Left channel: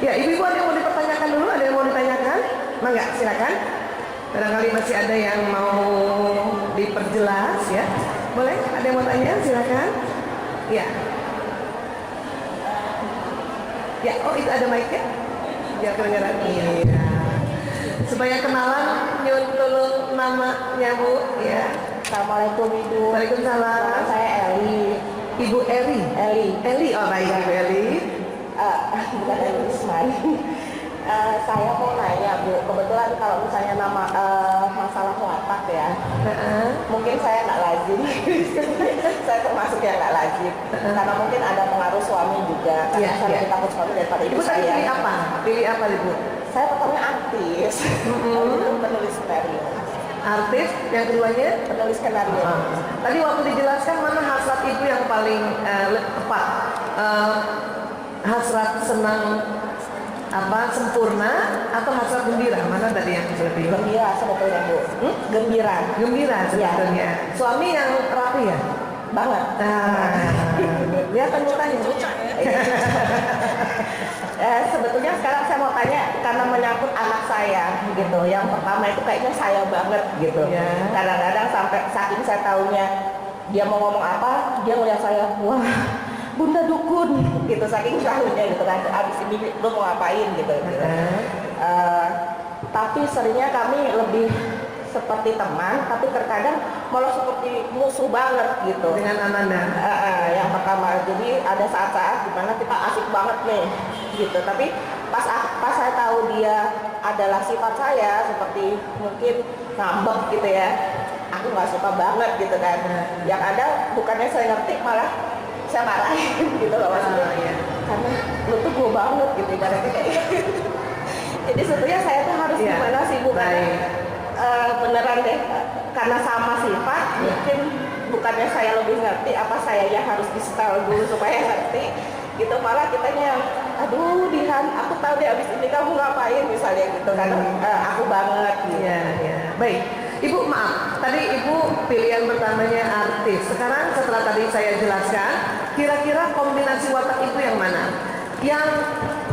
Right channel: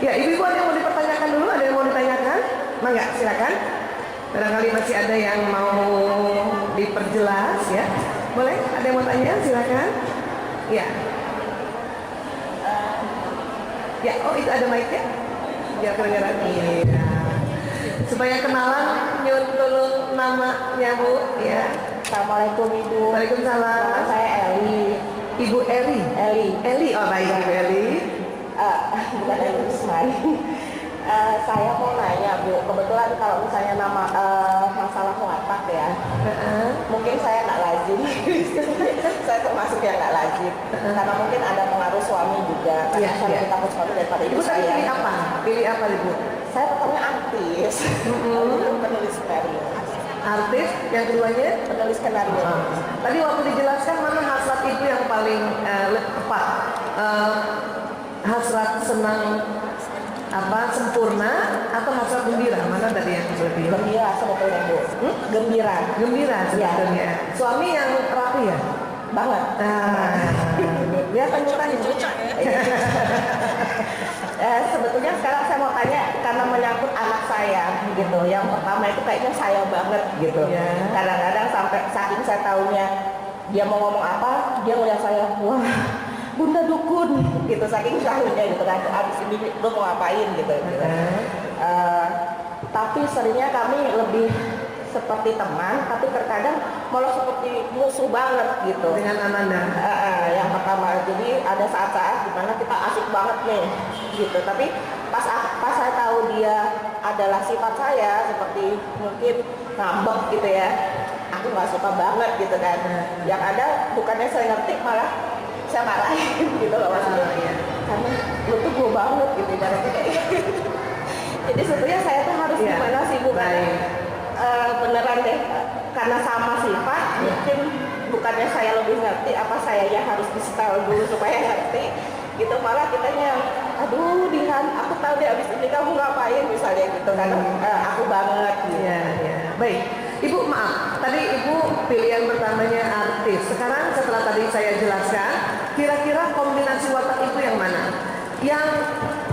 Ya, ibu-ibu ada yang mau dipertanyakan dulu? Ada yang mau ditanyakan? Mangga, silakan. Barangkali masih ada yang mau diperjelas ya. Boleh? Ada yang mau tanya? Silakan. Ya. Ya, oh itu ada mic-nya? Biar kedengaran. Iya. Supaya kenalan, nyun tulung namanya Bu. Ya. Assalamualaikum Ibu. Waalaikumsalam. Nama saya Eli. Ibu Eri. Eli. Oh baik Ibu Eli. Bukan Eli Usman. Saya mau nanya Bu, kebetulan kalau misalnya nama masalah watak ya, mungkin saya nggak lazim. Saya termasuk yang nggak lazim, karena mungkin ada pengaruh suami juga. Karena saya lebih takut suami daripada ibu saya. Pilih apa? Pilih apa Ibu? Saya pertamanya artis, belum penulis skenario. Artis, yang keduanya Penulis skenario. Tadi waktu dijelaskan mana hasrat ibu yang paling tepat? Hasrat senang apa sempurna atau hasrat gembira? Mana tadi yang lebih? Gembira sebetulnya Bu. Gembira. Gembira sebetulnya. Ya. Suami yang rapi ya? Banget. Dia tanya Bu. Sebetulnya sekarang saya mau tanya karena menyangkut anak saya gitu. Yang pertama itu kayaknya saya banget gitu. Ya. Kadang-kadang sampai saking saya tahunya dia mau ngomong apa, dia ngeliat saya, wah Bunda dukun gitu, saking tahunya gitu kan. Abis ini lu mau ngapain gitu. Tapi seringnya kami lebih seperti teman, tapi terkadang malah seperti musuh banget gitu dengan Ananda. Yang pertama, jadi ada saat-saat dimana kita asik banget nih gitu, tapi pas saya tahu dia adalah sifat saya seperti mungkin ngambek gitu ya, aku nggak suka banget gitu kan. Yang ada bukannya saya ngerti, malah saya marahin gitu loh maksudnya. Karena lu tuh gue banget gitu ibaratnya kayak gitu. Jadi sebetulnya saya tuh harus gimana sih Bu? Beneran deh, karena sama sifat mungkin bukannya saya lebih ngerti, apa saya yang harus di-setel dulu supaya ngerti gitu, malah kitanya aduh Dihan, aku tahu deh abis ini kamu ngapain misalnya gitu, karena aku banget gitu. Baik Ibu, maaf tadi Ibu pilihan pertamanya artis. Sekarang setelah tadi saya jelaskan, kira-kira kombinasi watak Ibu yang mana? Yang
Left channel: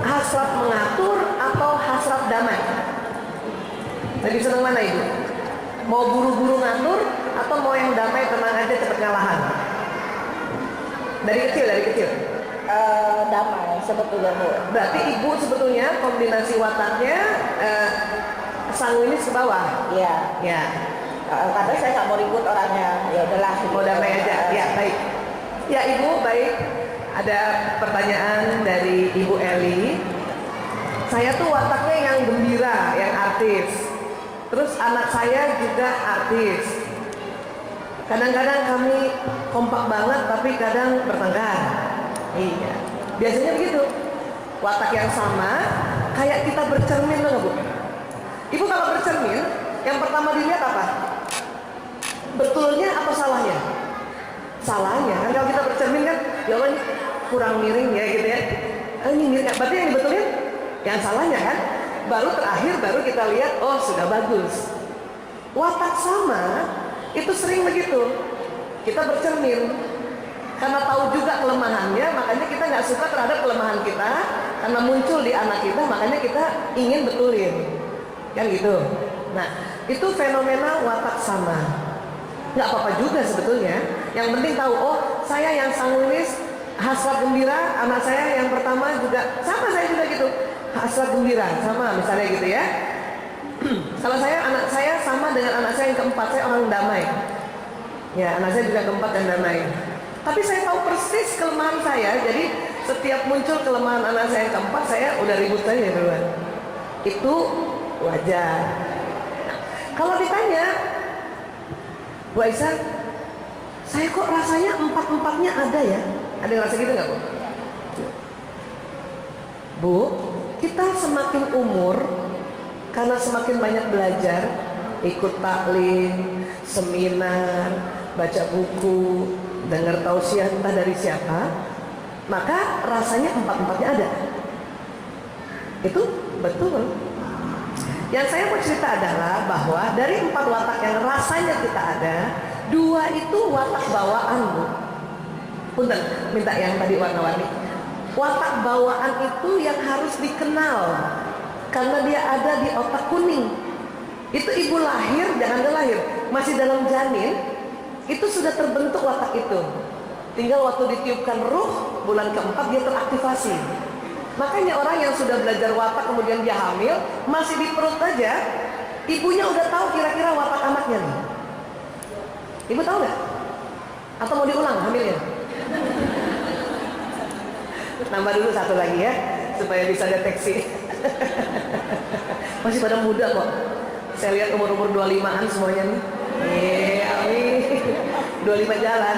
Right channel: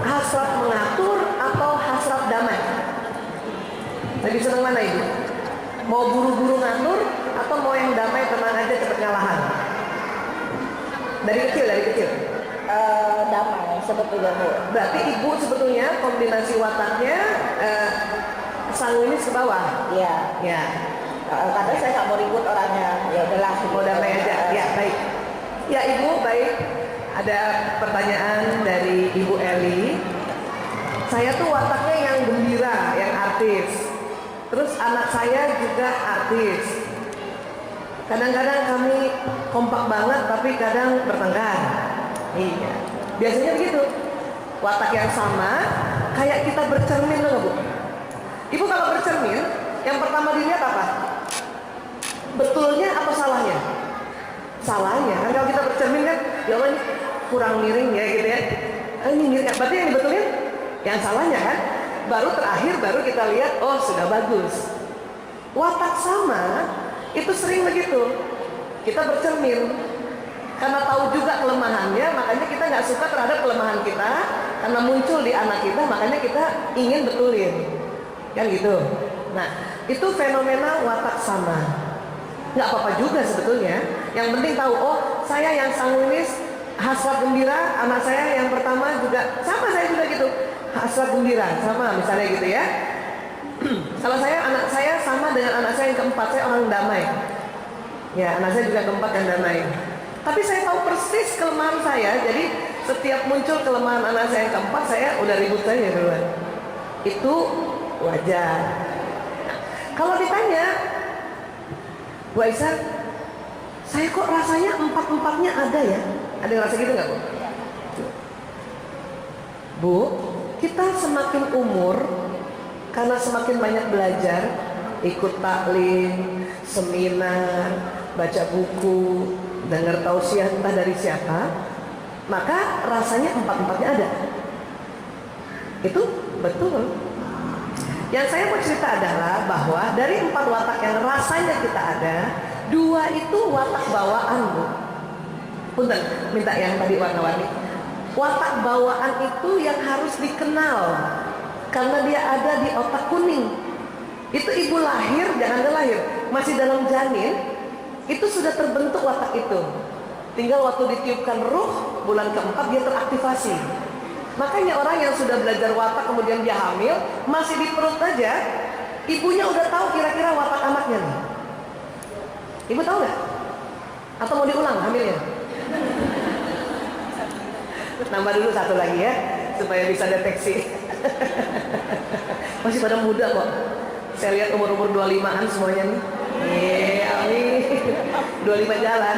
hasrat mengatur atau hasrat damai? Lebih senang mana Ibu? Mau buru-buru ngatur atau mau yang damai, tenang aja, cepet ngalahan? Dari kecil? Damai sebetulnya Bu. Berarti Ibu sebetulnya kombinasi wataknya sanguinis ke bawah? Iya. Ya. Karena saya nggak mau ribut orangnya, ya udahlah. Mau damai aja? Ya, baik. Ya Ibu, baik. Ada pertanyaan dari Ibu Eli. Saya tuh wataknya yang gembira, yang artis. Terus anak saya juga artis. Kadang-kadang kami kompak banget, tapi kadang bertengkar. Iya. Biasanya begitu. Watak yang sama, kayak kita bercermin loh Bu. Ibu kalau bercermin, yang pertama dilihat apa? Betulnya atau salahnya? Salahnya. Kan kalau kita bercermin kan, ya Allah ini kurang miring ya gitu ya. Ini miring. Berarti yang dibetulin yang salahnya kan? Baru terakhir baru kita lihat, oh sudah bagus. Watak sama itu sering begitu. Kita bercermin karena tahu juga kelemahannya, makanya kita nggak suka terhadap kelemahan kita, karena muncul di anak kita, makanya kita ingin betulin, kan gitu. Nah itu fenomena watak sama. Nggak apa-apa juga sebetulnya. Yang penting tahu, oh saya yang sanguinis, hasrat gembira, anak saya yang pertama juga sama, saya juga gitu. Hasrat gembira sama misalnya gitu ya. Kalau saya, anak saya sama dengan anak saya yang keempat, saya orang damai. Ya, anak saya juga keempat dan damai. Tapi saya tahu persis kelemahan saya, jadi setiap muncul kelemahan anak saya yang keempat, saya udah ribut saja duluan. Itu wajar. Kalau ditanya, Bu Aisyah, saya kok rasanya empat-empatnya ada ya? Ada yang rasa gitu nggak Bu? Bu, kita semakin umur, karena semakin banyak belajar, ikut taklim, seminar, baca buku, dengar tausiah entah dari siapa, maka rasanya empat-empatnya ada. Itu betul. Yang saya mau cerita adalah bahwa dari 4 watak yang rasanya kita ada, 2 itu watak bawaan Bu. Punten, minta yang tadi warna-warni. Watak bawaan itu yang harus dikenal karena dia ada di otak kuning. Itu ibu lahir, jangan lahir, masih dalam janin, itu sudah terbentuk watak itu. Tinggal waktu ditiupkan ruh, bulan keempat dia teraktivasi. Makanya orang yang sudah belajar watak kemudian dia hamil, masih di perut aja, ibunya udah tahu kira-kira watak anaknya nih. Ibu tahu nggak? Atau mau diulang hamilnya? Nambah dulu satu lagi ya, supaya bisa deteksi. Masih pada muda kok. Saya lihat umur-umur 25-an semuanya nih. Amin. 25 jalan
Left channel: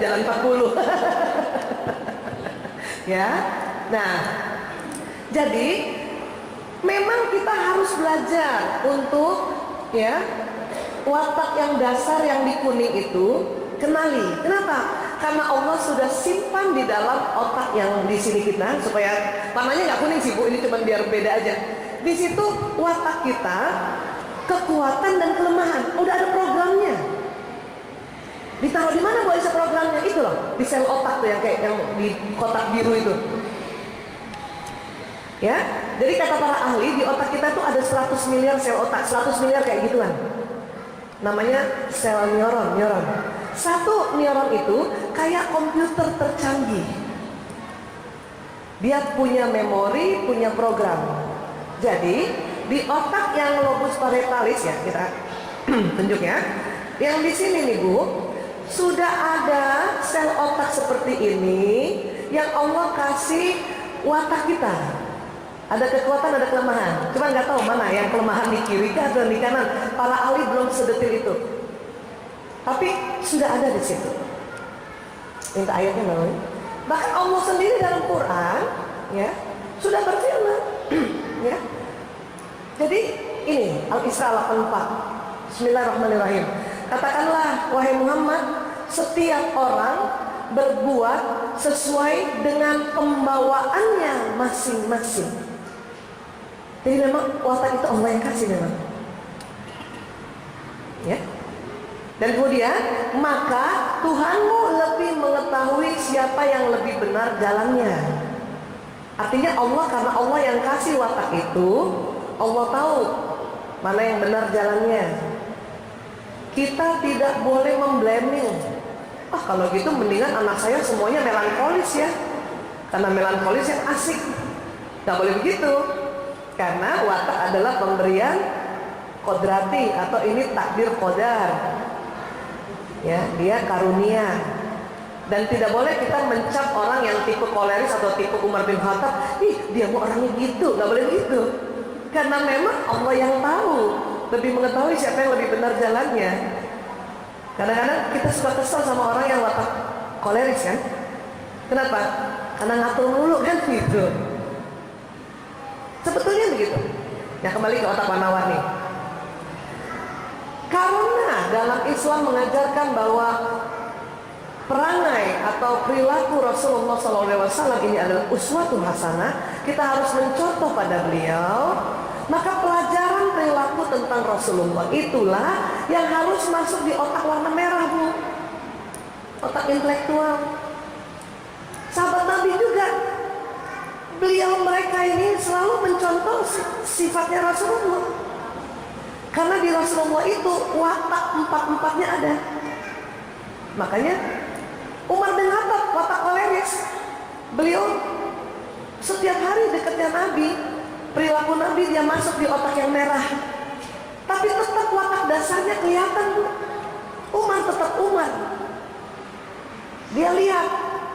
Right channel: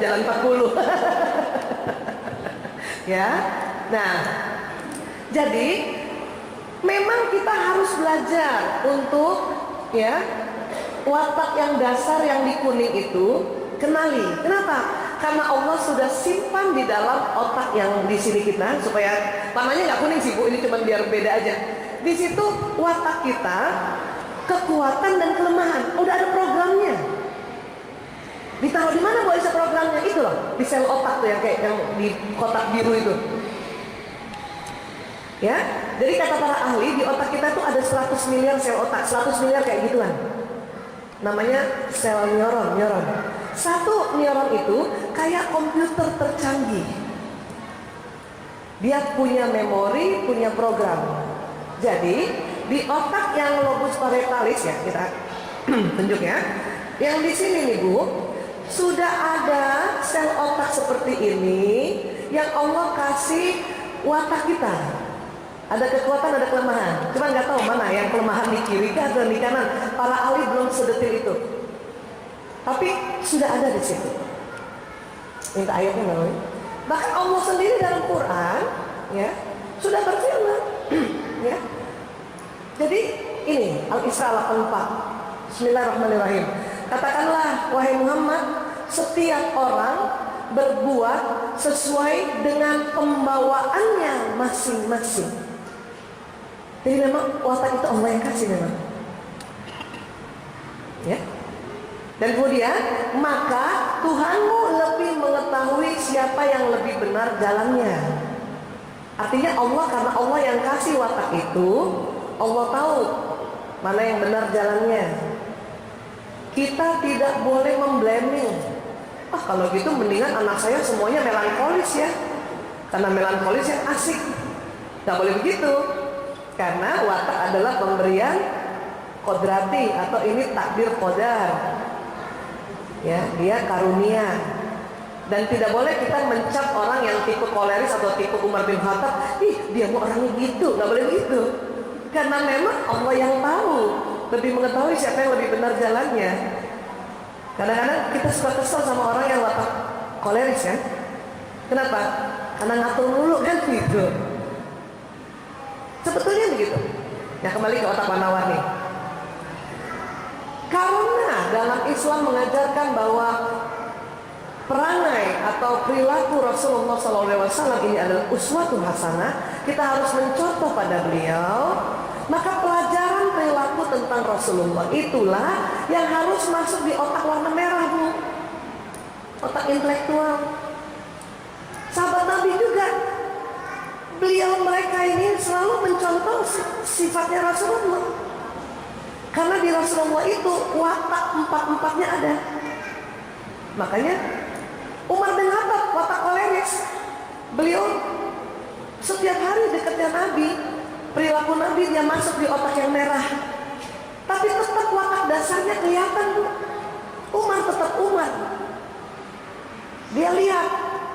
40. Ya. Nah, jadi memang kita harus belajar untuk ya watak yang dasar yang di kuning itu kenali. Kenapa? Karena Allah sudah simpan di dalam otak yang di sini kita, supaya warnanya nggak kuning sih Bu, ini cuma biar beda aja. Di situ watak kita, kekuatan dan kelemahan, udah ada programnya. Ditaruh di mana Bu Aisyah programnya? Itu loh, di sel otak tuh yang kayak yang di kotak biru itu. Ya, jadi kata para ahli di otak kita tuh ada 100 miliar sel otak, 100 miliar kayak gituan. Namanya sel neuron. Satu neuron itu kayak komputer tercanggih. Dia punya memori, punya program. Jadi di otak yang lobus parietalis ya, kita tunjuk ya. Yang di sini nih Bu, sudah ada sel otak seperti ini yang Allah kasih watak kita. Ada kekuatan, ada kelemahan. Cuma nggak tahu mana yang kelemahan di kiri atau di kanan. Para ahli belum sedetil itu. Tapi sudah ada di situ. Minta ayatnya Bang. Bahkan Allah sendiri dalam Quran, ya, sudah berfirman, ya. Jadi ini Al-Isra 84. Bismillahirrahmanirrahim. Katakanlah wahai Muhammad, setiap orang berbuat sesuai dengan pembawaannya masing-masing. Jadi memang watak itu Allah yang kasih memang. Ya. Dan kemudian maka Tuhanmu lebih mengetahui siapa yang lebih benar jalannya. Artinya Allah, karena Allah yang kasih watak itu, Allah tahu mana yang benar jalannya. Kita tidak boleh memblaming. Kalau gitu mendingan anak saya semuanya melankolis ya, karena melankolis yang asik. Gak boleh begitu. Karena watak adalah pemberian kodrati atau ini takdir qadar. Ya, dia karunia. Dan tidak boleh kita mencap orang yang tipe koleris atau tipe Umar bin Khattab, dia mau orangnya gitu, nggak boleh gitu. Karena memang Allah yang tahu, lebih mengetahui siapa yang lebih benar jalannya. Kadang-kadang kita suka kesel sama orang yang watak koleris kan? Kenapa? Karena ngatur mulu kan gitu. Sebetulnya begitu. Ya kembali ke otak warna-warni. Karena dalam Islam mengajarkan bahwa perangai atau perilaku Rasulullah SAW ini adalah uswatun hasanah, kita harus mencontoh pada beliau. Maka pelajaran perilaku tentang Rasulullah itulah yang harus masuk di otak warna merah Bu, otak intelektual. Sahabat Nabi juga, beliau mereka ini selalu mencontoh sifatnya Rasulullah. Karena di Rasulullah itu watak empat-empatnya ada. Makanya Umar bin Khattab watak koleris. Beliau setiap hari dekatnya Nabi, perilaku Nabi dia masuk di otak yang merah. Tapi tetap watak dasarnya kelihatan Bu. Umar tetap Umar. Dia lihat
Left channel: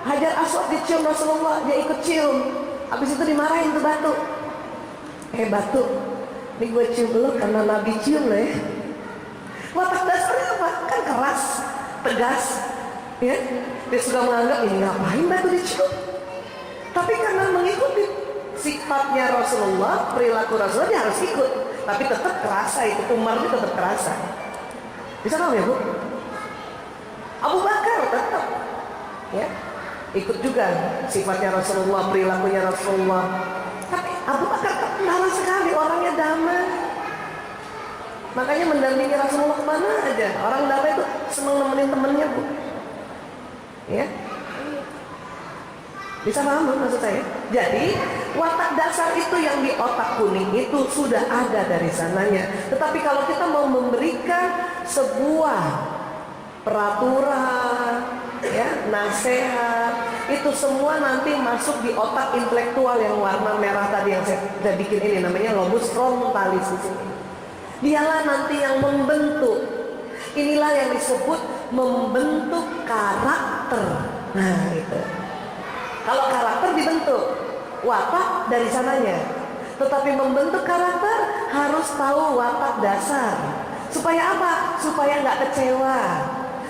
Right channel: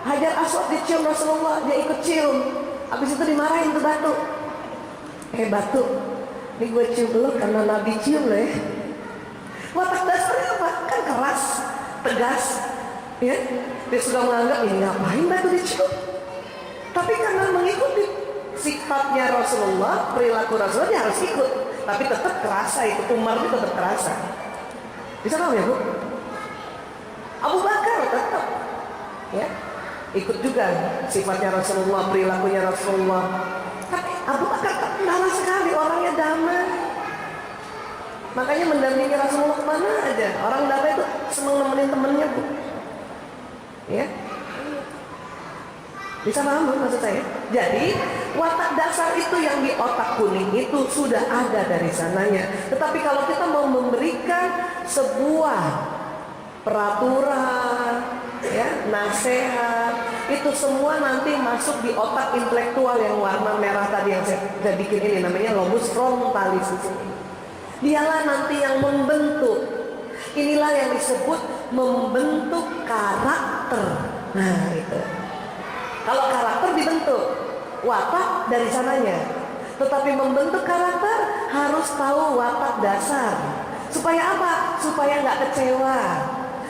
Hajar Aswad dicium Rasulullah, dia ikut cium. Habis itu dimarahin ke batu. Batu, ini gue cium lo karena Nabi cium lo ya. Watak dasarnya apa? Kan keras, tegas, ya. Dia suka menganggap ini ngapain batu dicium. Tapi karena mengikuti sifatnya Rasulullah, perilaku Rasulullah, dia harus ikut. Tapi tetap kerasa itu, Umar itu tetap kerasa. Bisa tahu ya Bu? Abu Bakar tetap, ya, ikut juga sifatnya Rasulullah, perilakunya Rasulullah. Tapi Abu Bakar kendala sekali, orangnya damai. Makanya mendampingi Rasulullah kemana aja. Orang damai itu senang nemenin temennya Bu. Ya. Bisa paham maksud saya? Jadi watak dasar itu yang di otak kuning itu sudah ada dari sananya. Tetapi kalau kita mau memberikan sebuah peraturan, ya, nasihat, itu semua nanti masuk di otak intelektual yang warna merah tadi yang saya bikin ini, namanya lobus frontalis di sini. Dialah nanti yang membentuk. Inilah yang disebut membentuk karakter. Nah, itu. Kalau karakter dibentuk, watak dari sananya. Tetapi membentuk karakter harus tahu watak dasar. Supaya apa? Supaya nggak kecewa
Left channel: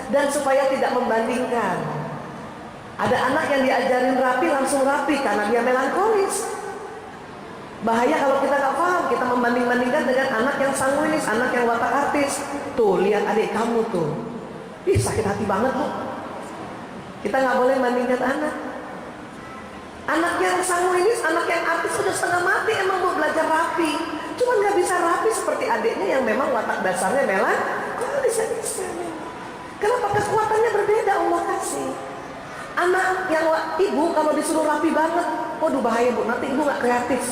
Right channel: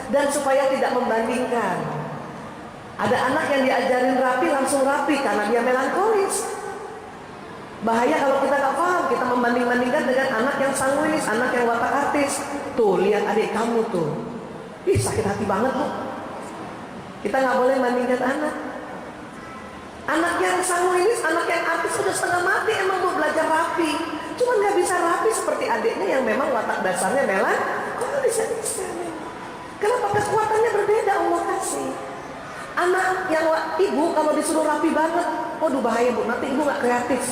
dan supaya tidak membandingkan. Ada anak yang diajarin rapi langsung rapi karena dia melankolis. Bahaya kalau kita nggak paham, kita membanding-bandingkan dengan anak yang sanguinis, anak yang watak artis. Tuh, lihat adik kamu tuh. Ih, sakit hati banget tuh. Kita nggak boleh bandingkan anak. Anak yang sanguinis, anak yang artis sudah setengah mati emang mau belajar rapi. Cuma nggak bisa rapi seperti adiknya yang memang watak dasarnya melankolis. Kenapa kekuatannya berbeda Allah kasih? Anak yang ibu kalau disuruh rapi banget, waduh bahaya bu, nanti ibu nggak kreatif.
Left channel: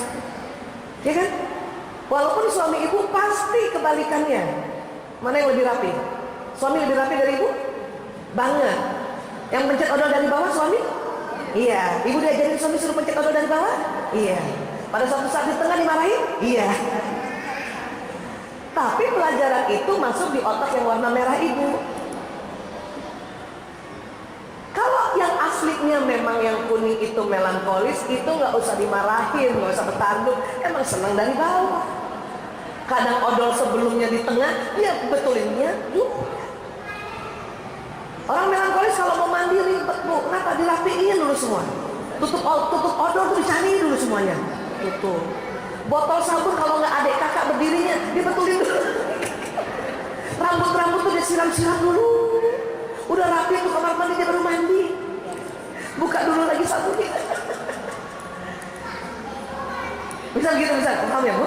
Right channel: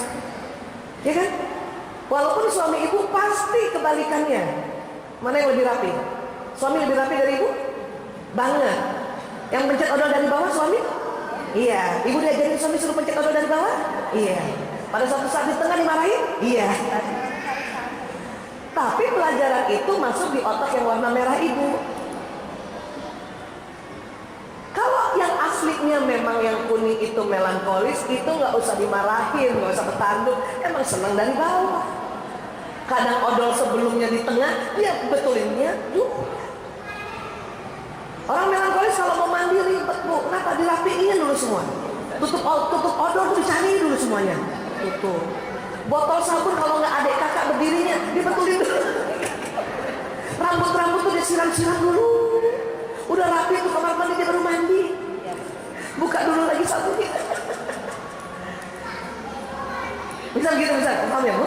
Ya kan? Walaupun suami ibu pasti kebalikannya. Mana yang lebih rapi? Suami lebih rapi dari ibu? Banget. Yang pencet odol dari bawah suami? Iya. Ibu diajarin suami suruh pencet odol dari bawah? Iya. Pada suatu saat di tengah dimarahin? Iya. Tapi pelajaran itu masuk di otak yang warna merah ibu. Kalau yang aslinya memang yang kuning itu melankolis, itu nggak usah dimarahin, nggak usah bertanduk, emang senang dari bawah. Kadang odol sebelumnya di tengah, dia betulinnya juga. Orang melankolis kalau mau mandi ribet bu, kenapa dirapiin dulu semua? Tutup odol tuh dicari dulu semuanya. Tutup. Botol sabun kalau nggak adik kakak berdirinya, dibetulin dulu. Rambut tuh disiram-siram dulu. Udah rapi tuh kamar mandi dia baru mandi. Buka dulu lagi sabunnya. Bisa gitu, bisa. Paham ya bu?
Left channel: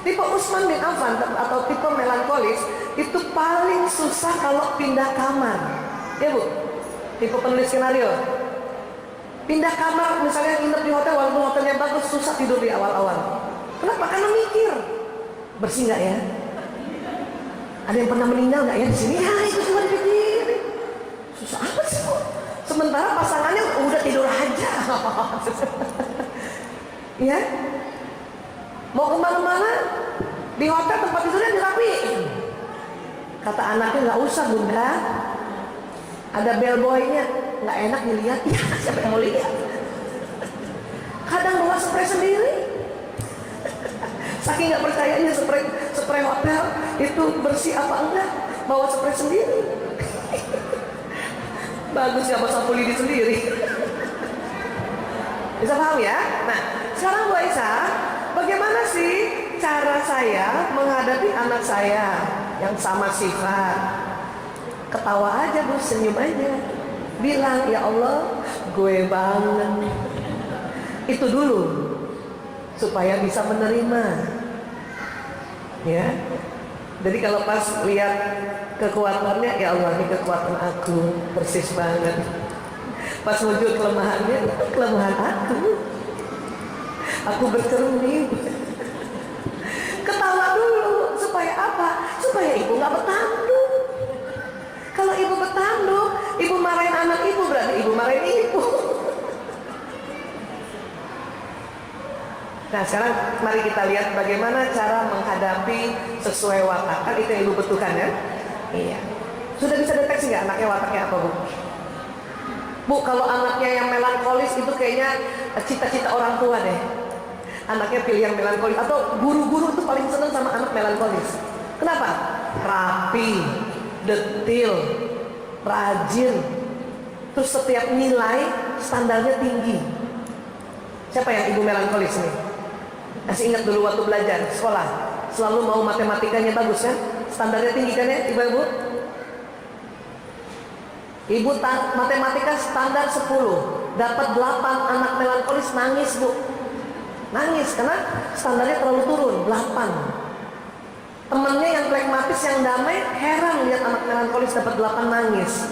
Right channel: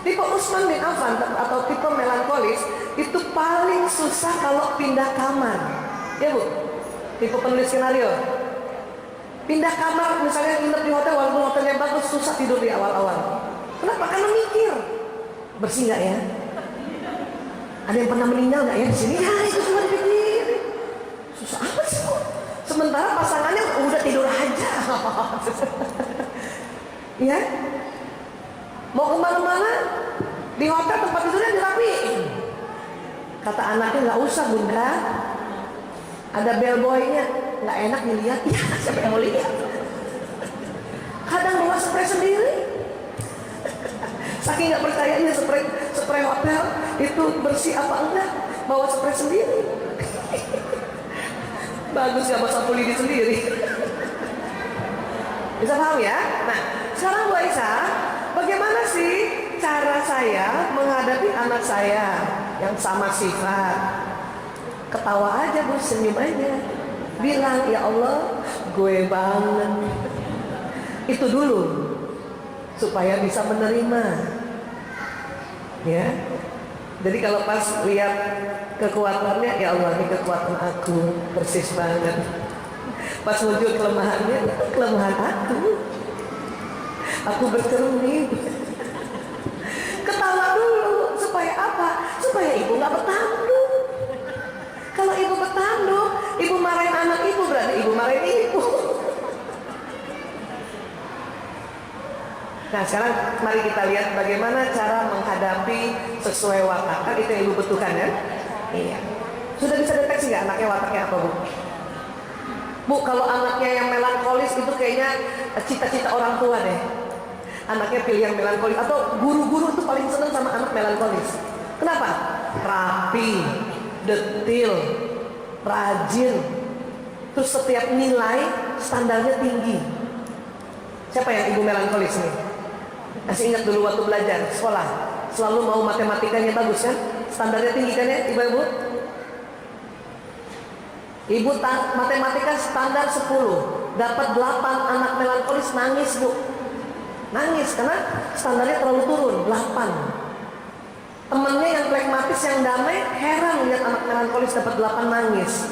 Tipe Utsman bin Affan atau tipe melankolis itu paling susah kalau pindah kamar. Ya bu? Tipe penulis skenario. Pindah kamar misalnya nginep di hotel, walaupun hotelnya bagus, susah tidur di awal-awal. Kenapa? Karena mikir. Bersih nggak ya? Ada yang pernah meninggal nggak ya di sini? Ya itu cuma dipikirin. Susah apa sih bu? Sementara pasangannya udah tidur aja. Ya? Mau kemana-mana di hotel tempat tidurnya dirapiin. Kata anaknya nggak usah bunda. Ada bellboynya, nggak enak dilihat. Ya siapa yang mau lihat? Kadang bawa spray sendiri. Saking nggak percayanya spray hotel itu bersih apa enggak, bawa spray sendiri. Bagus ya bawa sapu lidi sendiri. Bisa paham ya? Nah sekarang Bu Aisyah, bagaimana sih cara saya menghadapi anak saya yang sama sifat? Ketawa aja bu, senyum aja. Bilang ya Allah, gue banget. Itu dulu supaya bisa menerima. Ya. Jadi kalau pas lihat kekuatannya, ya Allah ini kekuatan aku, persis banget. Pas wujud kelemahannya, kelemahan aku. Aku bercermin. Ketawa dulu supaya apa? Supaya ibu nggak bertanduk. Kalau ibu bertanduk, ibu marahin anak ibu, berarti ibu marahin ibu. Nah sekarang mari kita lihat bagaimana cara menghadapi sesuai watak. Kan itu yang ibu butuhkan ya? Iya. Sudah bisa deteksi nggak anaknya wataknya apa bu? Bu kalau anaknya yang melankolis itu kayaknya cita-cita orang tua deh. Anaknya pilih yang melankolis. Atau guru-guru itu paling senang sama anak melankolis. Kenapa? Rapi, detil, rajin. Terus setiap nilai standarnya tinggi. Siapa yang ibu melankolis nih? Masih ingat dulu waktu belajar sekolah, selalu mau matematikanya bagus kan? Standarnya tinggi kan ya ibu-ibu? Ibu matematika standar 10, dapat 8, anak melankolis nangis bu. Nangis karena standarnya terlalu turun, 8. Temennya yang pragmatis, yang damai, heran lihat anak melankolis dapat 8 nangis.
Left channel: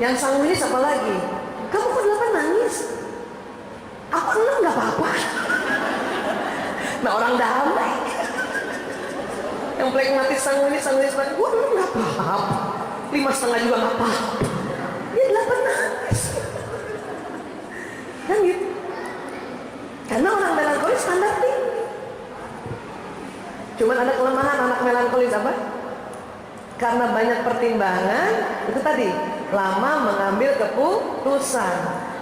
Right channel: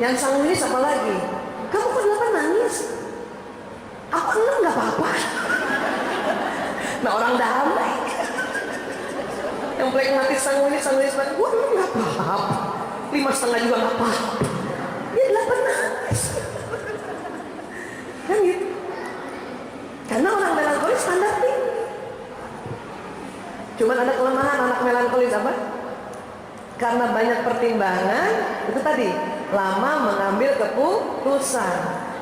Yang sanguinis apa lagi? kamu kok 8 nangis? Aku 6 nggak apa-apa. Nah orang damai. Yang plekmatis sanguinis, gue 6 nggak apa-apa. 5,5 juga nggak apa-apa. Dia 8 nangis. Kan gitu. Karena orang melankolis standar tinggi. Cuman ada kelemahan anak melankolis apa? Karena banyak pertimbangan, itu tadi, lama mengambil keputusan.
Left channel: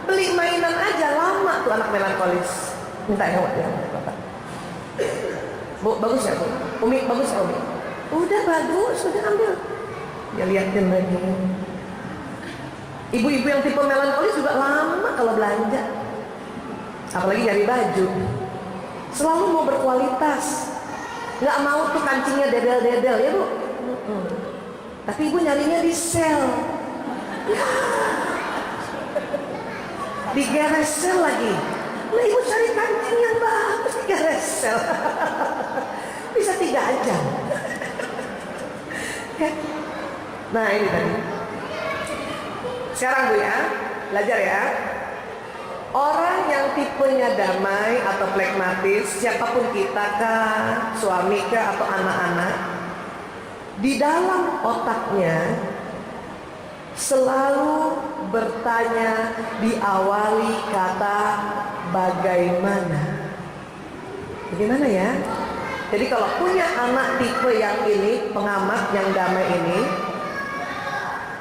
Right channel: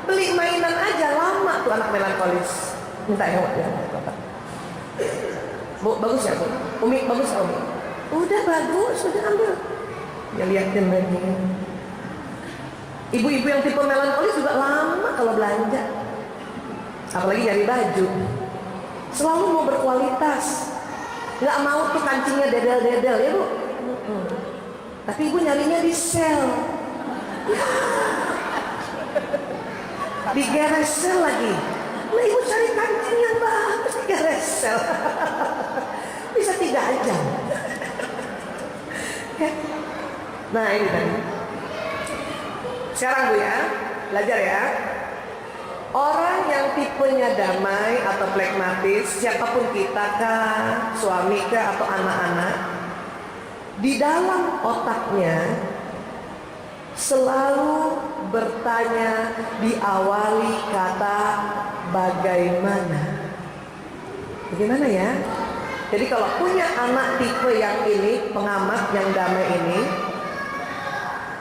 Beli mainan aja lama tuh anak melankolis. Minta ya Bapak. Bu, bagus ya Bu? Umi, bagus ya Umi? Udah bagus, udah ambil. Ya liatin lagi. Ibu-ibu yang tipe melankolis juga lama kalau belanja. Apalagi nyari baju. Selalu mau berkualitas. Nggak mau tuh kancingnya dedel-dedel ya Bu. Tapi ibu nyarinya di sel. Digeres sel lagi. Nah ibu cari kancing yang bagus digeres sel. Bisa 3 jam. Nah ini tadi. Sekarang Bu ya, belajar ya. Orang yang tipenya damai atau plekmatis, siapapun kita kah, suami kah atau anak-anak, di dalam otaknya selalu bertanya diawali kata bagaimana. Bagaimana ya? Jadi kalau punya anak tipe yang ini, pengamat yang damai ini,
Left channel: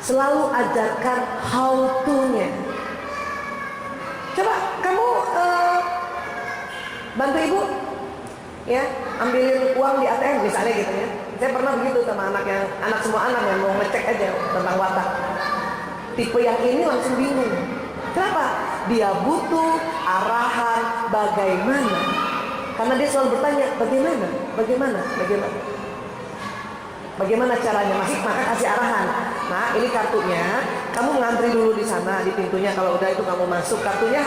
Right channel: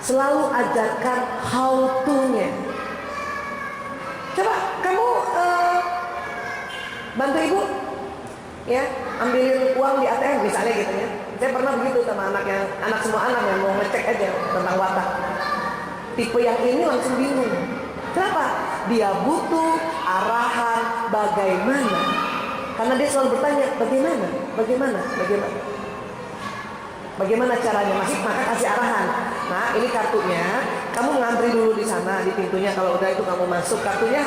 selalu ajarkan how to-nya. Coba kamu bantu ibu ya, ambilin uang di ATM misalnya gitu ya. Saya pernah begitu sama anak semua anak yang mau ngecek aja tentang watak. Tipe yang ini langsung bingung. Kenapa? Dia butuh arahan bagaimana. Karena dia selalu bertanya bagaimana caranya, maka kasih arahan. Nah ini kartunya, kamu ngantri dulu di sana di pintunya. Kalau udah itu kamu masuk, kartunya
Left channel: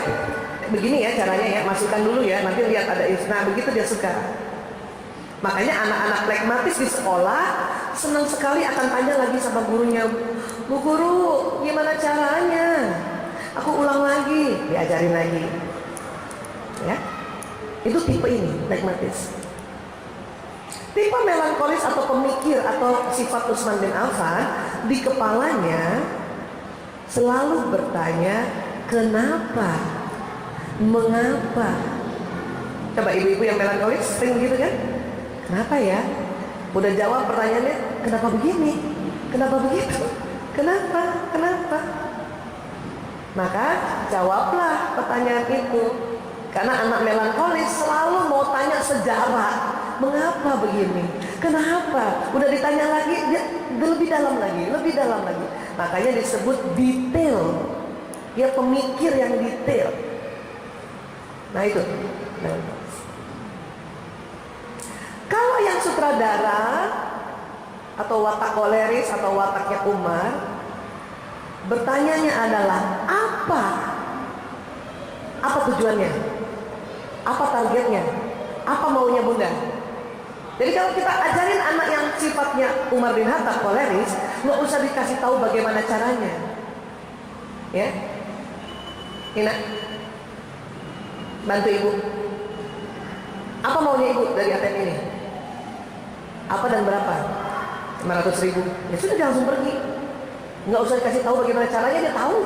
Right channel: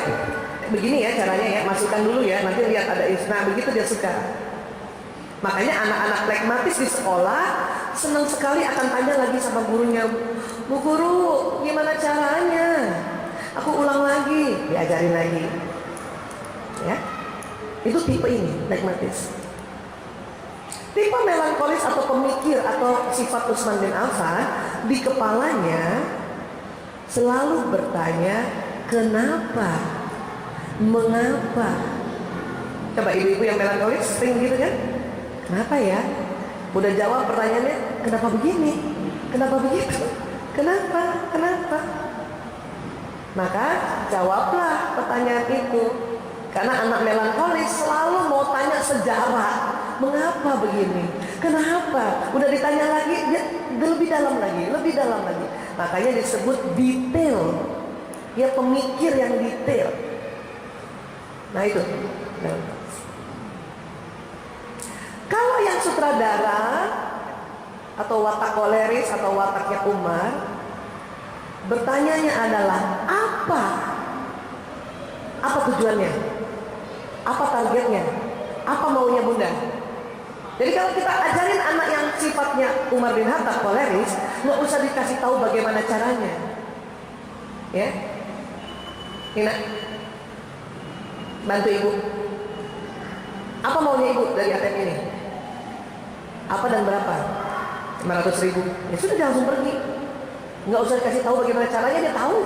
begini ya caranya ya, masukkan dulu ya, nanti lihat ada nah begitu dia suka. Makanya anak-anak plekmatis di sekolah senang sekali akan tanya lagi sama gurunya, Bu guru gimana caranya, aku ulang lagi, diajarin lagi ya. Itu tipe ini plekmatis. Tipe melankolis atau pemikir atau sifat Utsman bin Affan, di kepalanya selalu bertanya kenapa, mengapa. Coba ibu-ibu yang melankolis sering gitu kan? Kenapa ya? Udah jawab pertanyaannya, kenapa begini? Kenapa begitu? Kenapa? Maka jawablah pertanyaan itu. Karena anak melankolis selalu mau tanya sejarah. Mengapa begini? Kenapa? Udah ditanya lagi, dia lebih dalam lagi. Makanya disebut detail. Dia pemikir yang detail. Nah itu. Kalau yang sutradara atau watak koleris atau wataknya Umar, bertanyanya adalah apa tujuannya? Apa targetnya? Apa maunya Bunda? Jadi kalau kita ajarin anak yang sifatnya Umar bin Khattab koleris, nggak usah dikasih tahu bagaimana caranya. Ya, Ina, bantu ibu. Apa maunya ibu dari ATM ini? Apa dan berapa? 500.000. Ya sudah, dia langsung pergi. Nggak usah dikasih tahu bagaimana caranya, dia tahu.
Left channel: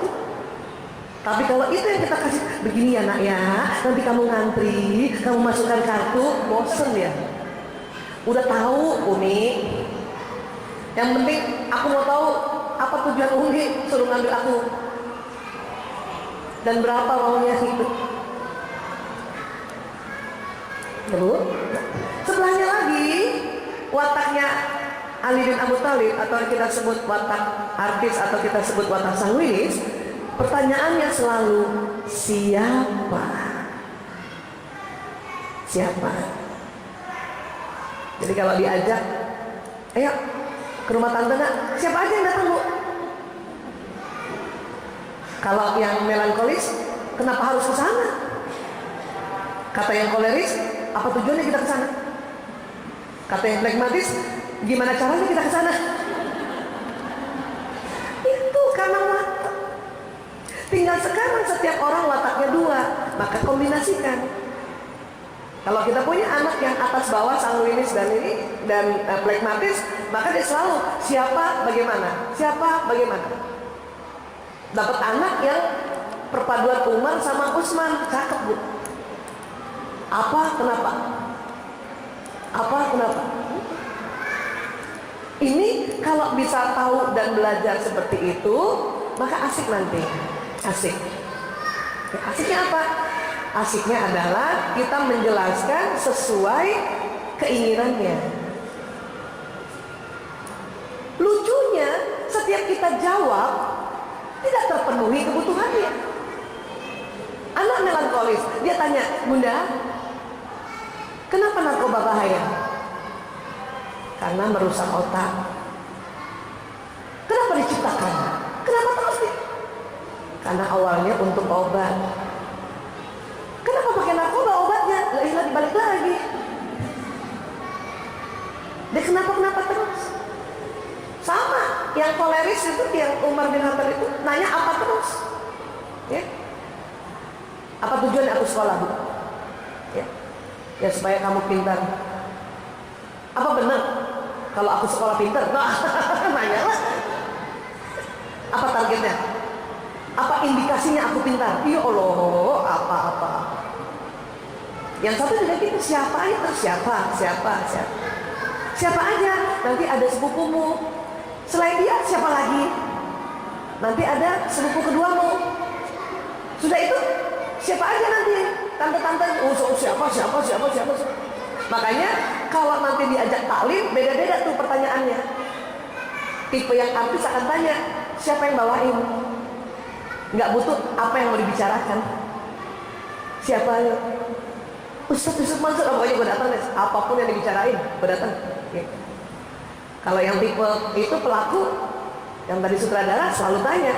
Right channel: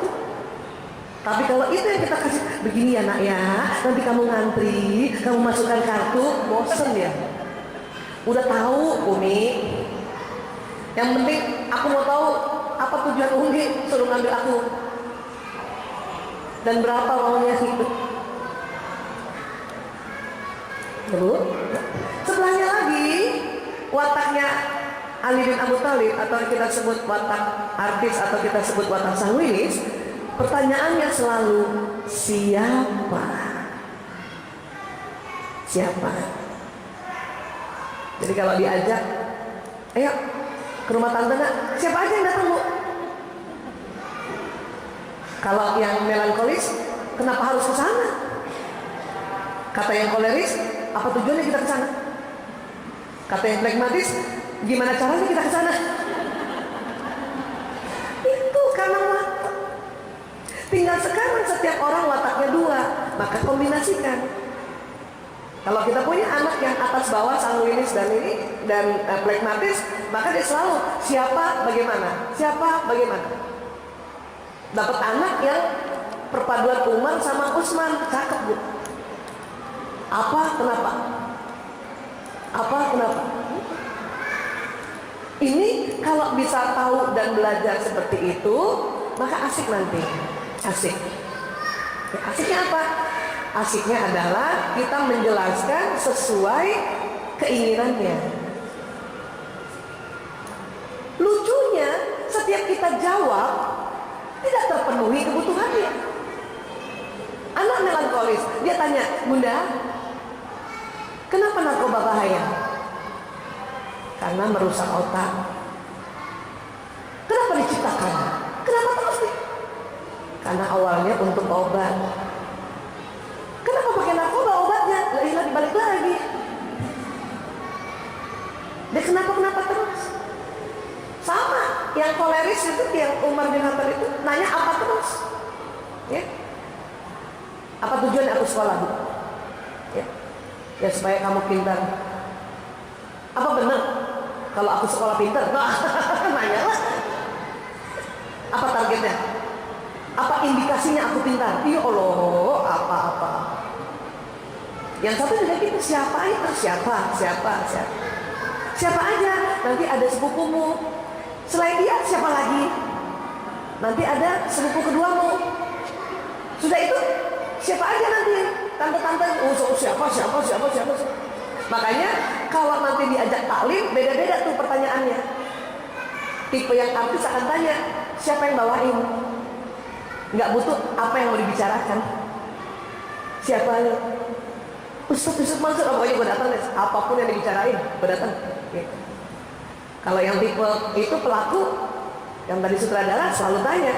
Tapi kalau itu yang kita kasih, begini ya nak ya, nanti kamu ngantri, kamu masukkan kartu, bosen ya. Udah tahu Umi. Yang penting aku mau tahu apa tujuan Umi suruh ngambil aku. Dan berapa maunya itu. Ya Bu. Sebelahnya lagi wataknya Ali bin Abu Thalib atau kita sebut watak artis atau kita sebut watak sanguinis. Pertanyaannya selalu siapa? Jadi kalau diajak, ayo ke rumah tante nak, siapa aja yang datang Bu? Kalau yang melankolis, kenapa harus ke sana? Kata yang koleris, apa tujuannya kita ke sana? Kata yang plekmatis, gimana caranya kita ke sana? Itu karena watak. Tinggal sekarang setiap orang wataknya dua, maka kombinasikan. Kalau kita punya anak yang atas bawah sanguinis dan plekmatis, maka dia selalu siapa bagaimana, siapa bagaimana. Dapat anak yang perpaduan Umar sama Usman, cakep bu. Apa kenapa? Apa kenapa? Ini kalau bisa tahu dan belajar seperti itu, maka asik nanti. Asik. Asiknya apa? Asiknya adalah kita menjelaskan sesuai keinginannya. Lucunya, setiap kita jawab tidak terpenuhi kebutuhannya. Anak melankolis, dia tanya, Bunda, kenapa narkoba bahaya? Karena merusak otak. Kenapa diciptakan? Kenapa terus Karena awalnya untuk obat. Kenapa pakai narkoba obatnya? Lah dibalik lagi. Dia kenapa terus? Sama, yang koleris itu, yang Umar bin Khattab itu nanya apa terus? Ya. Apa tujuan aku sekolah, Bu? Ya supaya kamu pintar. Apa benar kalau aku sekolah pintar? Nah, nanya lah. Apa targetnya? Apa indikasinya aku pintar? Ya Allah, apa-apa. Yang satu juga gitu, siapa itu? Siapa aja? Nanti ada sepupumu. Selain dia, siapa lagi? Nanti ada sepupu keduamu. Sudah itu, siapa aja nanti? Tante-tante, siapa. Makanya kalau nanti diajak taklim, beda-beda tuh pertanyaannya. Tipe yang artis akan tanya, siapa yang bawain? Nggak butuh apa yang mau dibicarakan. Siapa? Ustaz Yusuf Mansur, pokoknya gue datang deh. Apapun yang dibicarain, gue datang. Oke. Kalau yang tipe itu pelaku, yang tadi sutradara selalu tanya,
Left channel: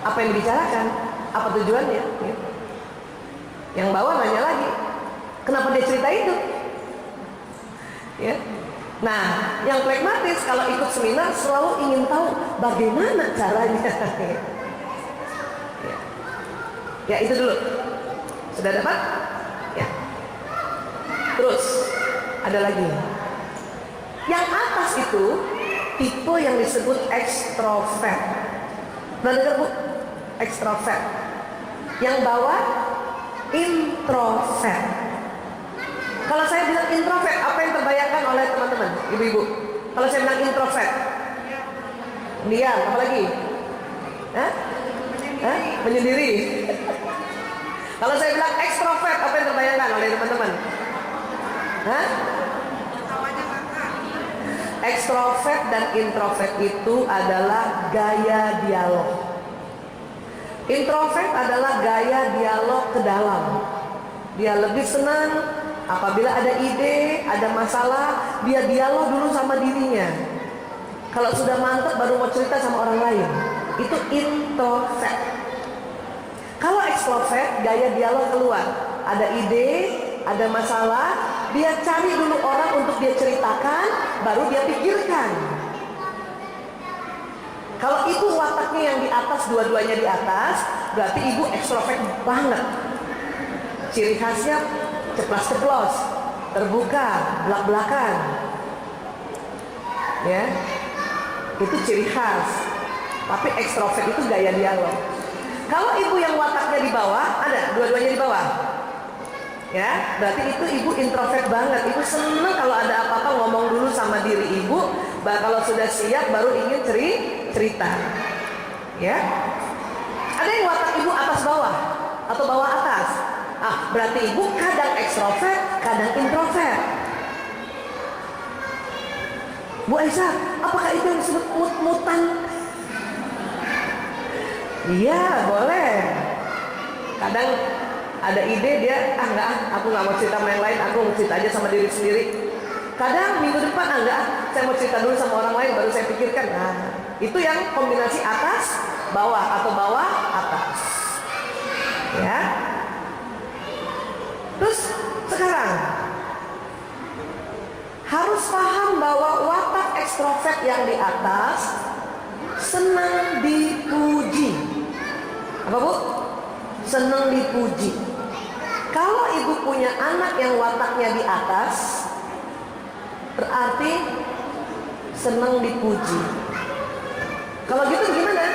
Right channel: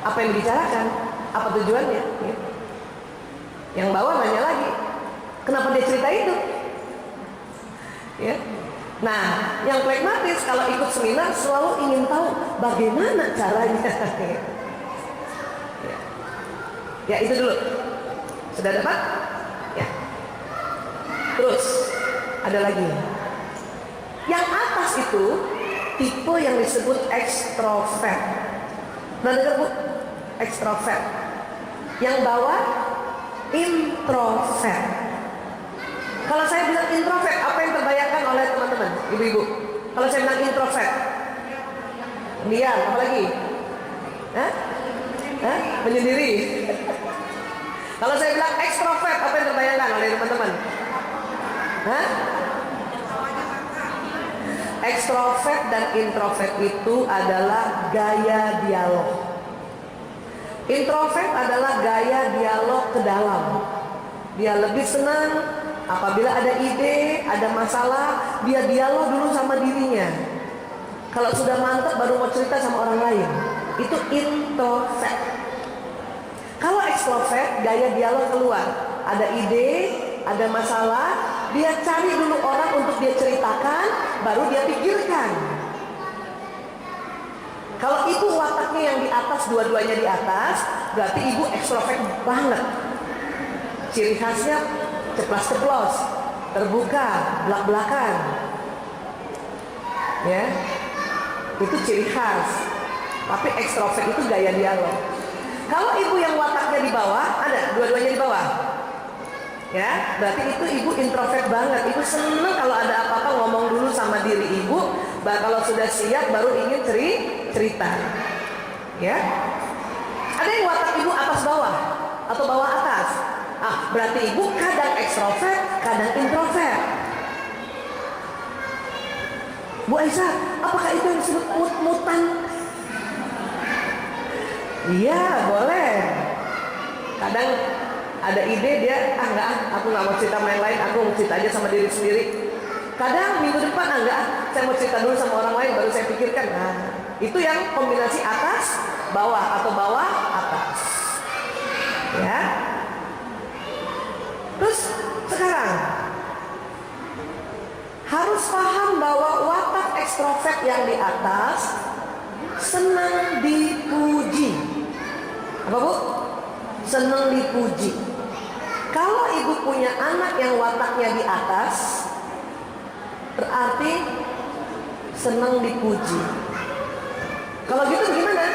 apa yang dibicarakan? Apa tujuannya? Yang bawah nanya lagi, kenapa dia cerita itu? Ya. Nah, yang plekmatis kalau ikut seminar selalu ingin tahu bagaimana caranya. Ya itu dulu. Sudah dapat? Ya. Terus ada lagi. Yang atas itu tipe yang disebut ekstrovert. Pernah dengar Bu? Ekstrovert. Yang bawah introvert. Kalau saya bilang introvert, apa yang terbayangkan oleh teman-teman, ibu-ibu? Kalau saya bilang introvert, diam, apa lagi? Menyendiri. Kalau saya bilang ekstrovert, apa yang terbayangkan oleh teman-teman? Ekstrovert dan introvert itu adalah gaya dialog. Introvert adalah gaya dialog ke dalam. Dia lebih senang apabila ada ide, ada masalah, dia dialog dulu sama dirinya. Kalau sudah mantap baru mau cerita sama orang lain. Itu introvert. Kalau ekstrovert, gaya dialog keluar. Ada ide, ada masalah, dia cari dulu orang untuk dia ceritakan, baru dia pikirkan. Kalau ibu wataknya yang di atas, dua-duanya di atas, berarti ibu ekstrovert banget. Ciri khasnya ceplas-ceplos, terbuka, belak-belakan. Ya, itu ciri khas. Tapi ekstrovert itu gaya dialog. Kalau ibu yang wataknya di bawah, ada dua-duanya di bawah. Ya, berarti itu ibu introvert banget. Ibu seneng kalau ada apa-apa ngomong dulu sama diri ibu. Kalau sudah siap baru ingin cerita. Ya, ada yang watak ibu atas bawah atau bawah atas. Berarti ibu kadang ekstrovert, kadang introvert. Bu Aisyah, apakah itu yang disebut mut-mutan? Iya, boleh. Kadang ada ide dia, aku nggak mau cerita sama yang lain, aku mau cerita aja sama diri sendiri. Kadang minggu depan, saya mau cerita dulu sama orang lain, baru saya pikirkan. Nah, itu yang kombinasi atas, bawah atau bawah, atas. Ya. Terus sekarang harus paham bahwa watak ekstrovert yang di atas senang dipuji. Apa Bu? Senang dipuji. Kalau ibu punya anak yang wataknya di atas, berarti senang dipuji. Kalau gitu gimana?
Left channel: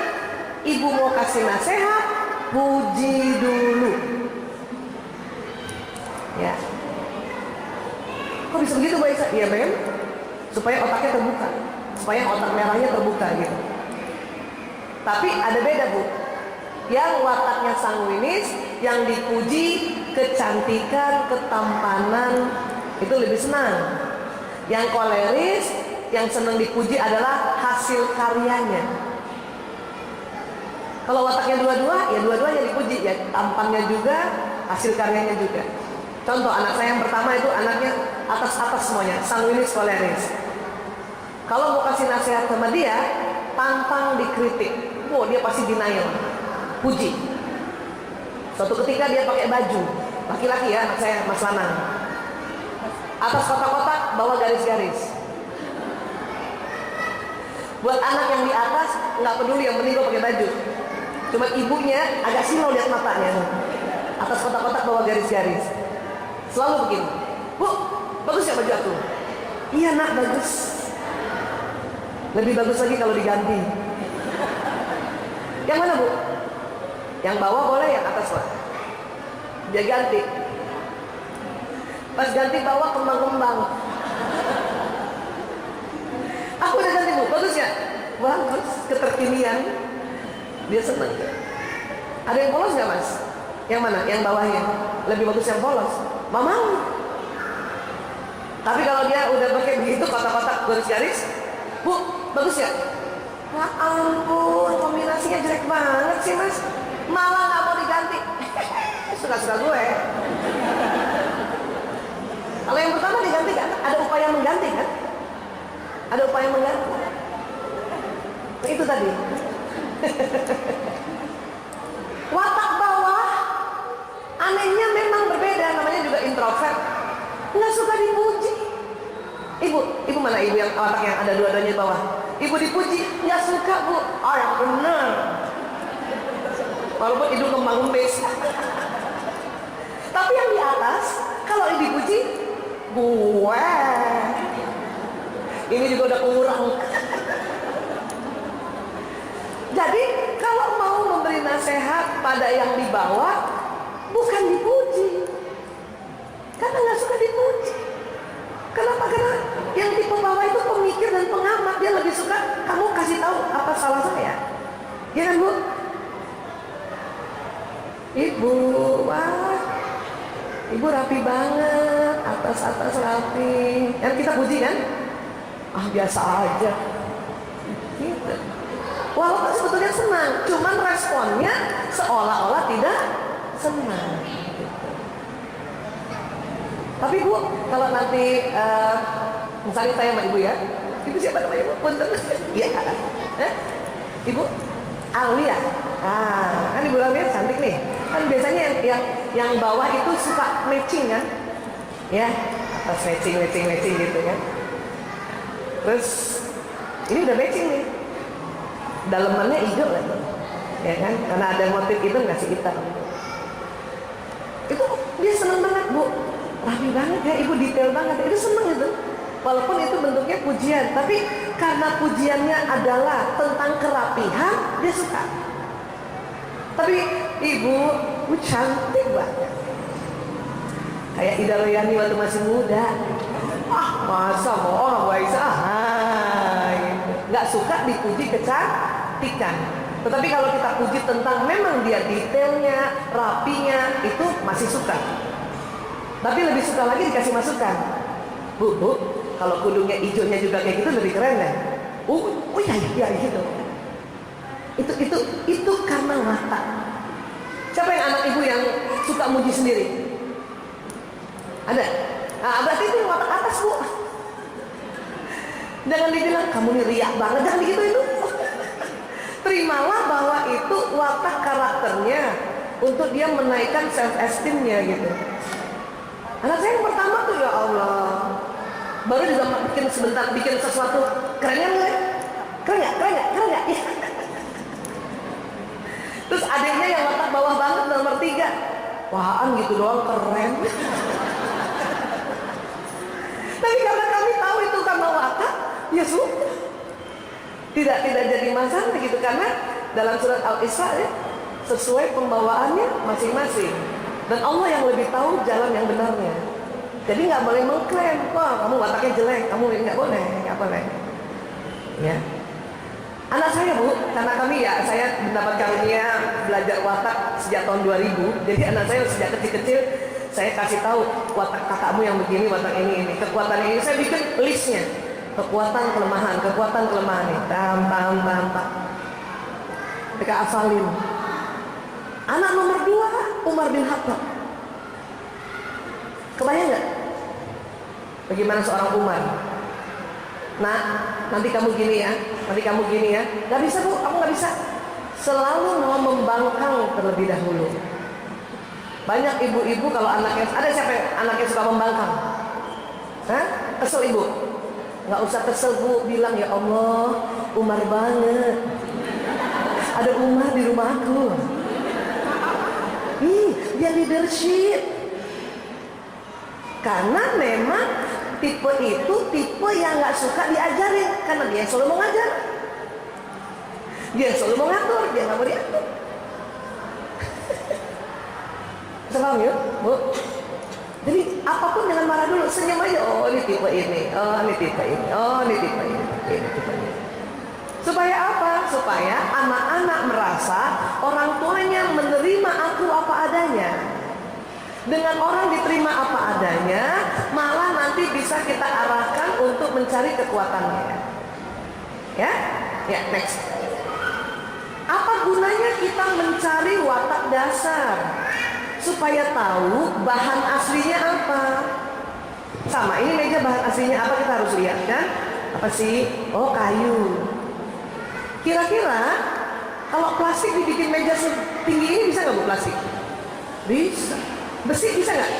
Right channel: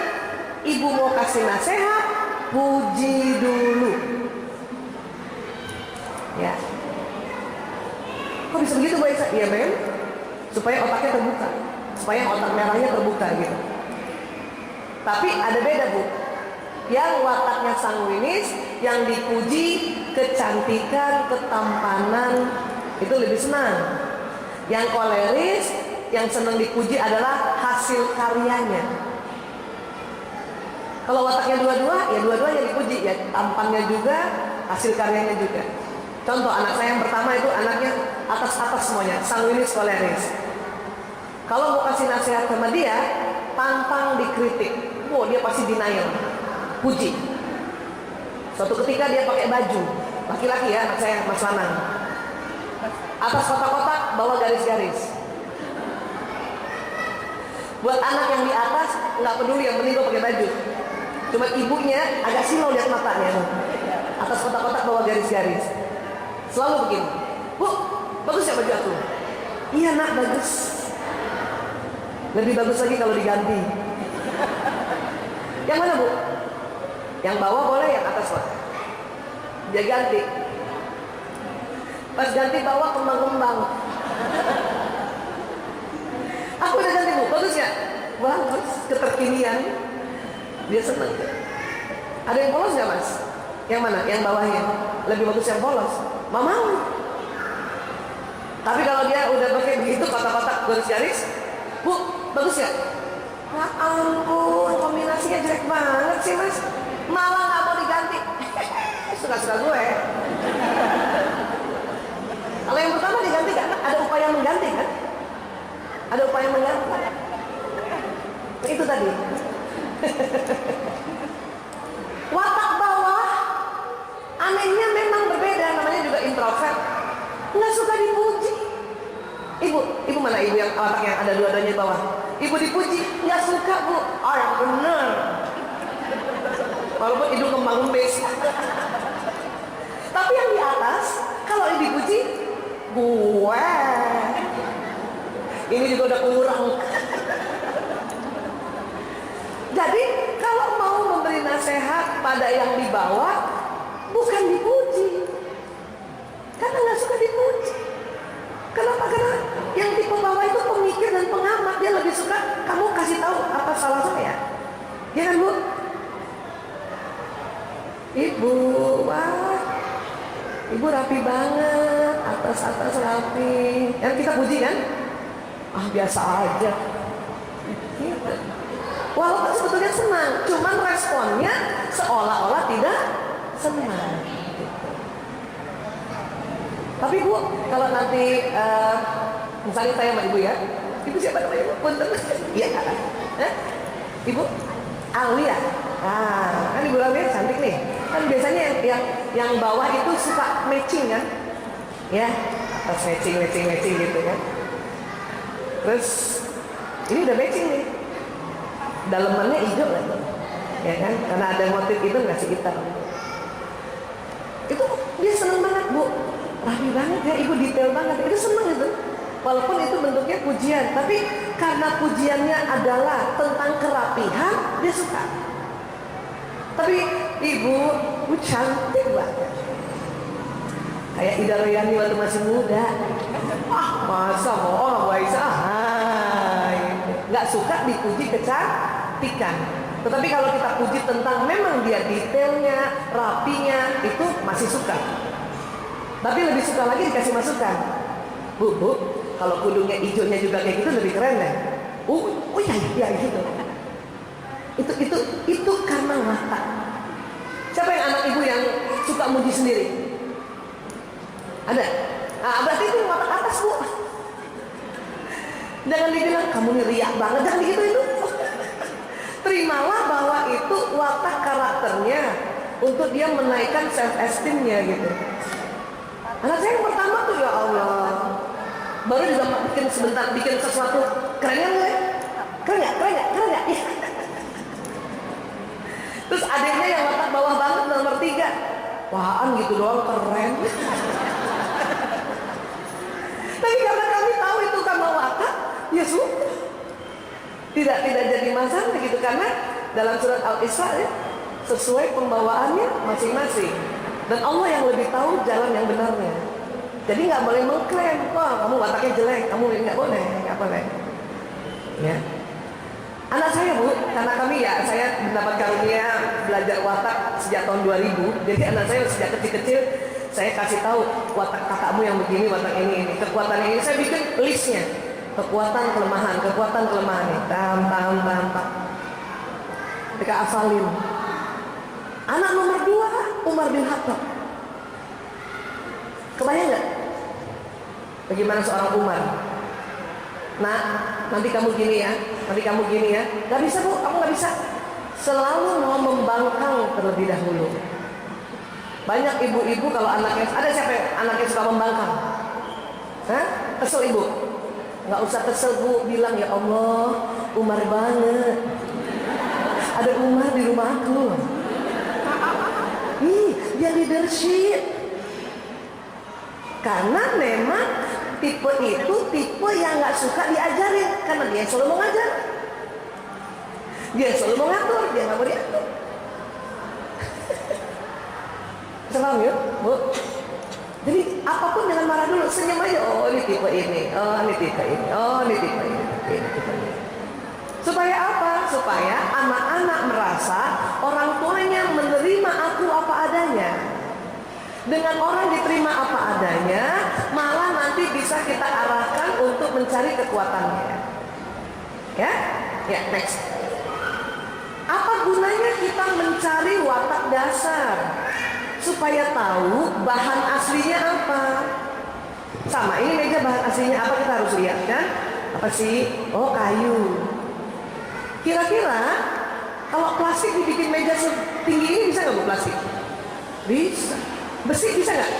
Ibu mau kasih nasihat, puji dulu. Ya. Kok bisa begitu Bu Aisyah? Iya Ben, supaya otaknya terbuka, supaya otak merahnya terbuka gitu. Tapi ada beda Bu. Yang wataknya sanguinis, yang dipuji kecantikan, ketampanan, itu lebih senang. Yang koleris, yang senang dipuji adalah hasil karyanya. Kalau wataknya dua-dua, ya dua-duanya dipuji, ya tampannya juga, hasil karyanya juga. Contoh anak saya yang pertama itu anaknya atas-atas semuanya, sanguinis koleris. Kalau mau kasih nasihat sama dia, tantang dikritik, dia pasti denial, puji. Suatu ketika dia pakai baju, laki-laki ya, anak saya Mas Lanang, atas kotak-kotak bawah garis-garis. Buat anak yang di atas nggak peduli, yang penting gue pakai baju. Cuma ibunya agak silau lihat matanya tuh. Atas kotak-kotak bawah garis-garis. Selalu begini, Bu, bagus ya baju aku? Iya nak, bagus. Lebih bagus lagi kalau diganti. Yang mana Bu? Yang bawah boleh, yang atas Pak. Dia ganti. Pas ganti bawah kembang-kembang. Aku udah ganti Bu, bagus ya? Bagus, keterkinian. Dia seneng. Ada yang polos gak Mas? Yang mana? Yang bawahnya. Lebih bagus yang polos. Mau. Tapi kalau dia udah pakai begitu kotak-kotak garis-garis, Bu, bagus ya? Ya ampun, kombinasinya jelek banget sih Mas. Malah gak mau diganti. Suka-suka gue. Kalau yang pertama diganti kan, ada upaya mengganti kan? Ada upaya mengganti. Nah, itu tadi. Watak bawah anehnya memang berbeda, namanya juga introvert. Nggak suka dipuji. Ibu mana ibu yang watak yang ada dua-duanya di bawah? Ibu dipuji, nggak suka Bu. Oh yang benar. Walaupun hidung kembang-kembis. Tapi yang di atas, kalau dipuji, gue. Ini juga udah kurang. Jadi kalau mau memberi nasihat pada yang di bawah, bukan dipuji, karena nggak suka dipuji. Kenapa? Karena yang di bawah itu pemikir dan pengamat, dia lebih suka kamu kasih tahu apa salah saya, ya kan Bu? Ibu, wah, ibu rapi banget, atas rapi. Yang kita puji kan? Ah biasa aja. Gitu. Walaupun sebetulnya senang, cuman responnya seolah-olah tidak senang. Tapi Bu, kalau nanti misalnya saya sama Ibu ya, Ibu siapa namanya Ibu? Punten. Iya. Ibu Alia. Kan Ibu Alia cantik nih. Kan biasanya yang bawah itu suka matching kan? Ya, atas matching gitu kan. Terus ini udah matching nih. Dalemannya hijau lah tuh, ya kan? Karena ada motif itu ngasih hitam. Itu dia seneng banget Bu, rapi banget ya Ibu, detail banget. Itu seneng itu, walaupun itu bentuknya pujian, tapi karena pujiannya adalah tentang kerapihan, dia suka. Tapi Ibu cantik banget, kayak Ida Royani waktu masih muda. Masa bohong Bu Aisyah? Nggak suka dipuji kecantikan. Tetapi kalau kita puji tentang memang dia detailnya, rapinya, itu masih suka. Tapi lebih suka lagi dikasih masukan. Bu, kalau kudungnya hijaunya juga kayak gitu lebih keren ya. Iya gitu. Itu karena mata. Siapa yang anak ibu yang suka muji sendiri? Ada? Nah, berarti itu watak atas Bu. Jangan dibilang kamu nih riak banget, jangan gitu itu. Terimalah bahwa itu watak karakternya untuk dia menaikkan self esteemnya gitu. Anak saya yang pertama tuh ya Allah, baru juga bikin sesuatu kerennya mulai. Keren nggak? Keren nggak? Keren nggak? Terus adiknya yang watak bawah banget nomor 3. Wahan gitu doang keren. Tapi karena kami tahu itu karena watak, ya sudah. Tidak jadi masalah gitu, karena dalam surat Al-Isra ya, sesuai pembawaannya masing-masing. Dan Allah yang lebih tahu jalan yang benarnya. Jadi nggak boleh mengklaim, wah kamu wataknya jelek, kamu nggak boleh. Ya. Anak saya Bu, karena kami ya, saya mendapat karunia belajar watak sejak tahun 2000. Jadi anak saya sejak kecil-kecil saya kasih tahu watak kakakmu yang begini, watak ini, kekuatan ini. Saya bikin listnya, kekuatan kelemahan nih, tam. Mereka hafalin. Anak nomor 2 Umar bin Khattab. Kebayang nggak? Bagaimana seorang Umar? Nah, nanti kamu gini ya. Gak bisa Bu, kamu gak bisa. Selalu mau membangkang terlebih dahulu. Banyak ibu-ibu kalau anaknya, ada siapa yang anaknya suka membangkang? Hah? Kesel ibu? Gak usah kesel Bu, bilang ya Allah, Umar banget. Ada Umar di rumahku. Dia leadership. Karena memang tipe itu tipe yang gak suka diajarin, karena dia selalu mau ngajar, dia selalu mau ngatur, dia gak mau diatur. Paham ya Bu? Jadi apapun jangan marah dulu, senyum aja. Oh ini tipe ini, ini tipe ini. Supaya apa? Supaya anak-anak merasa orang tuanya menerima aku apa adanya. Dengan orang diterima apa adanya, malah nanti bisa kita arahkan untuk mencari kekuatannya. Ya, next. Apa gunanya kita mencari watak dasar? Supaya tahu bahan aslinya apa. Sama, ini meja bahan aslinya apa kita harus lihat kan? Apa sih? Oh kayu. Kira-kira kalau plastik dibikin meja setinggi ini bisa nggak Bu plastik? Bisa. Besi bisa nggak?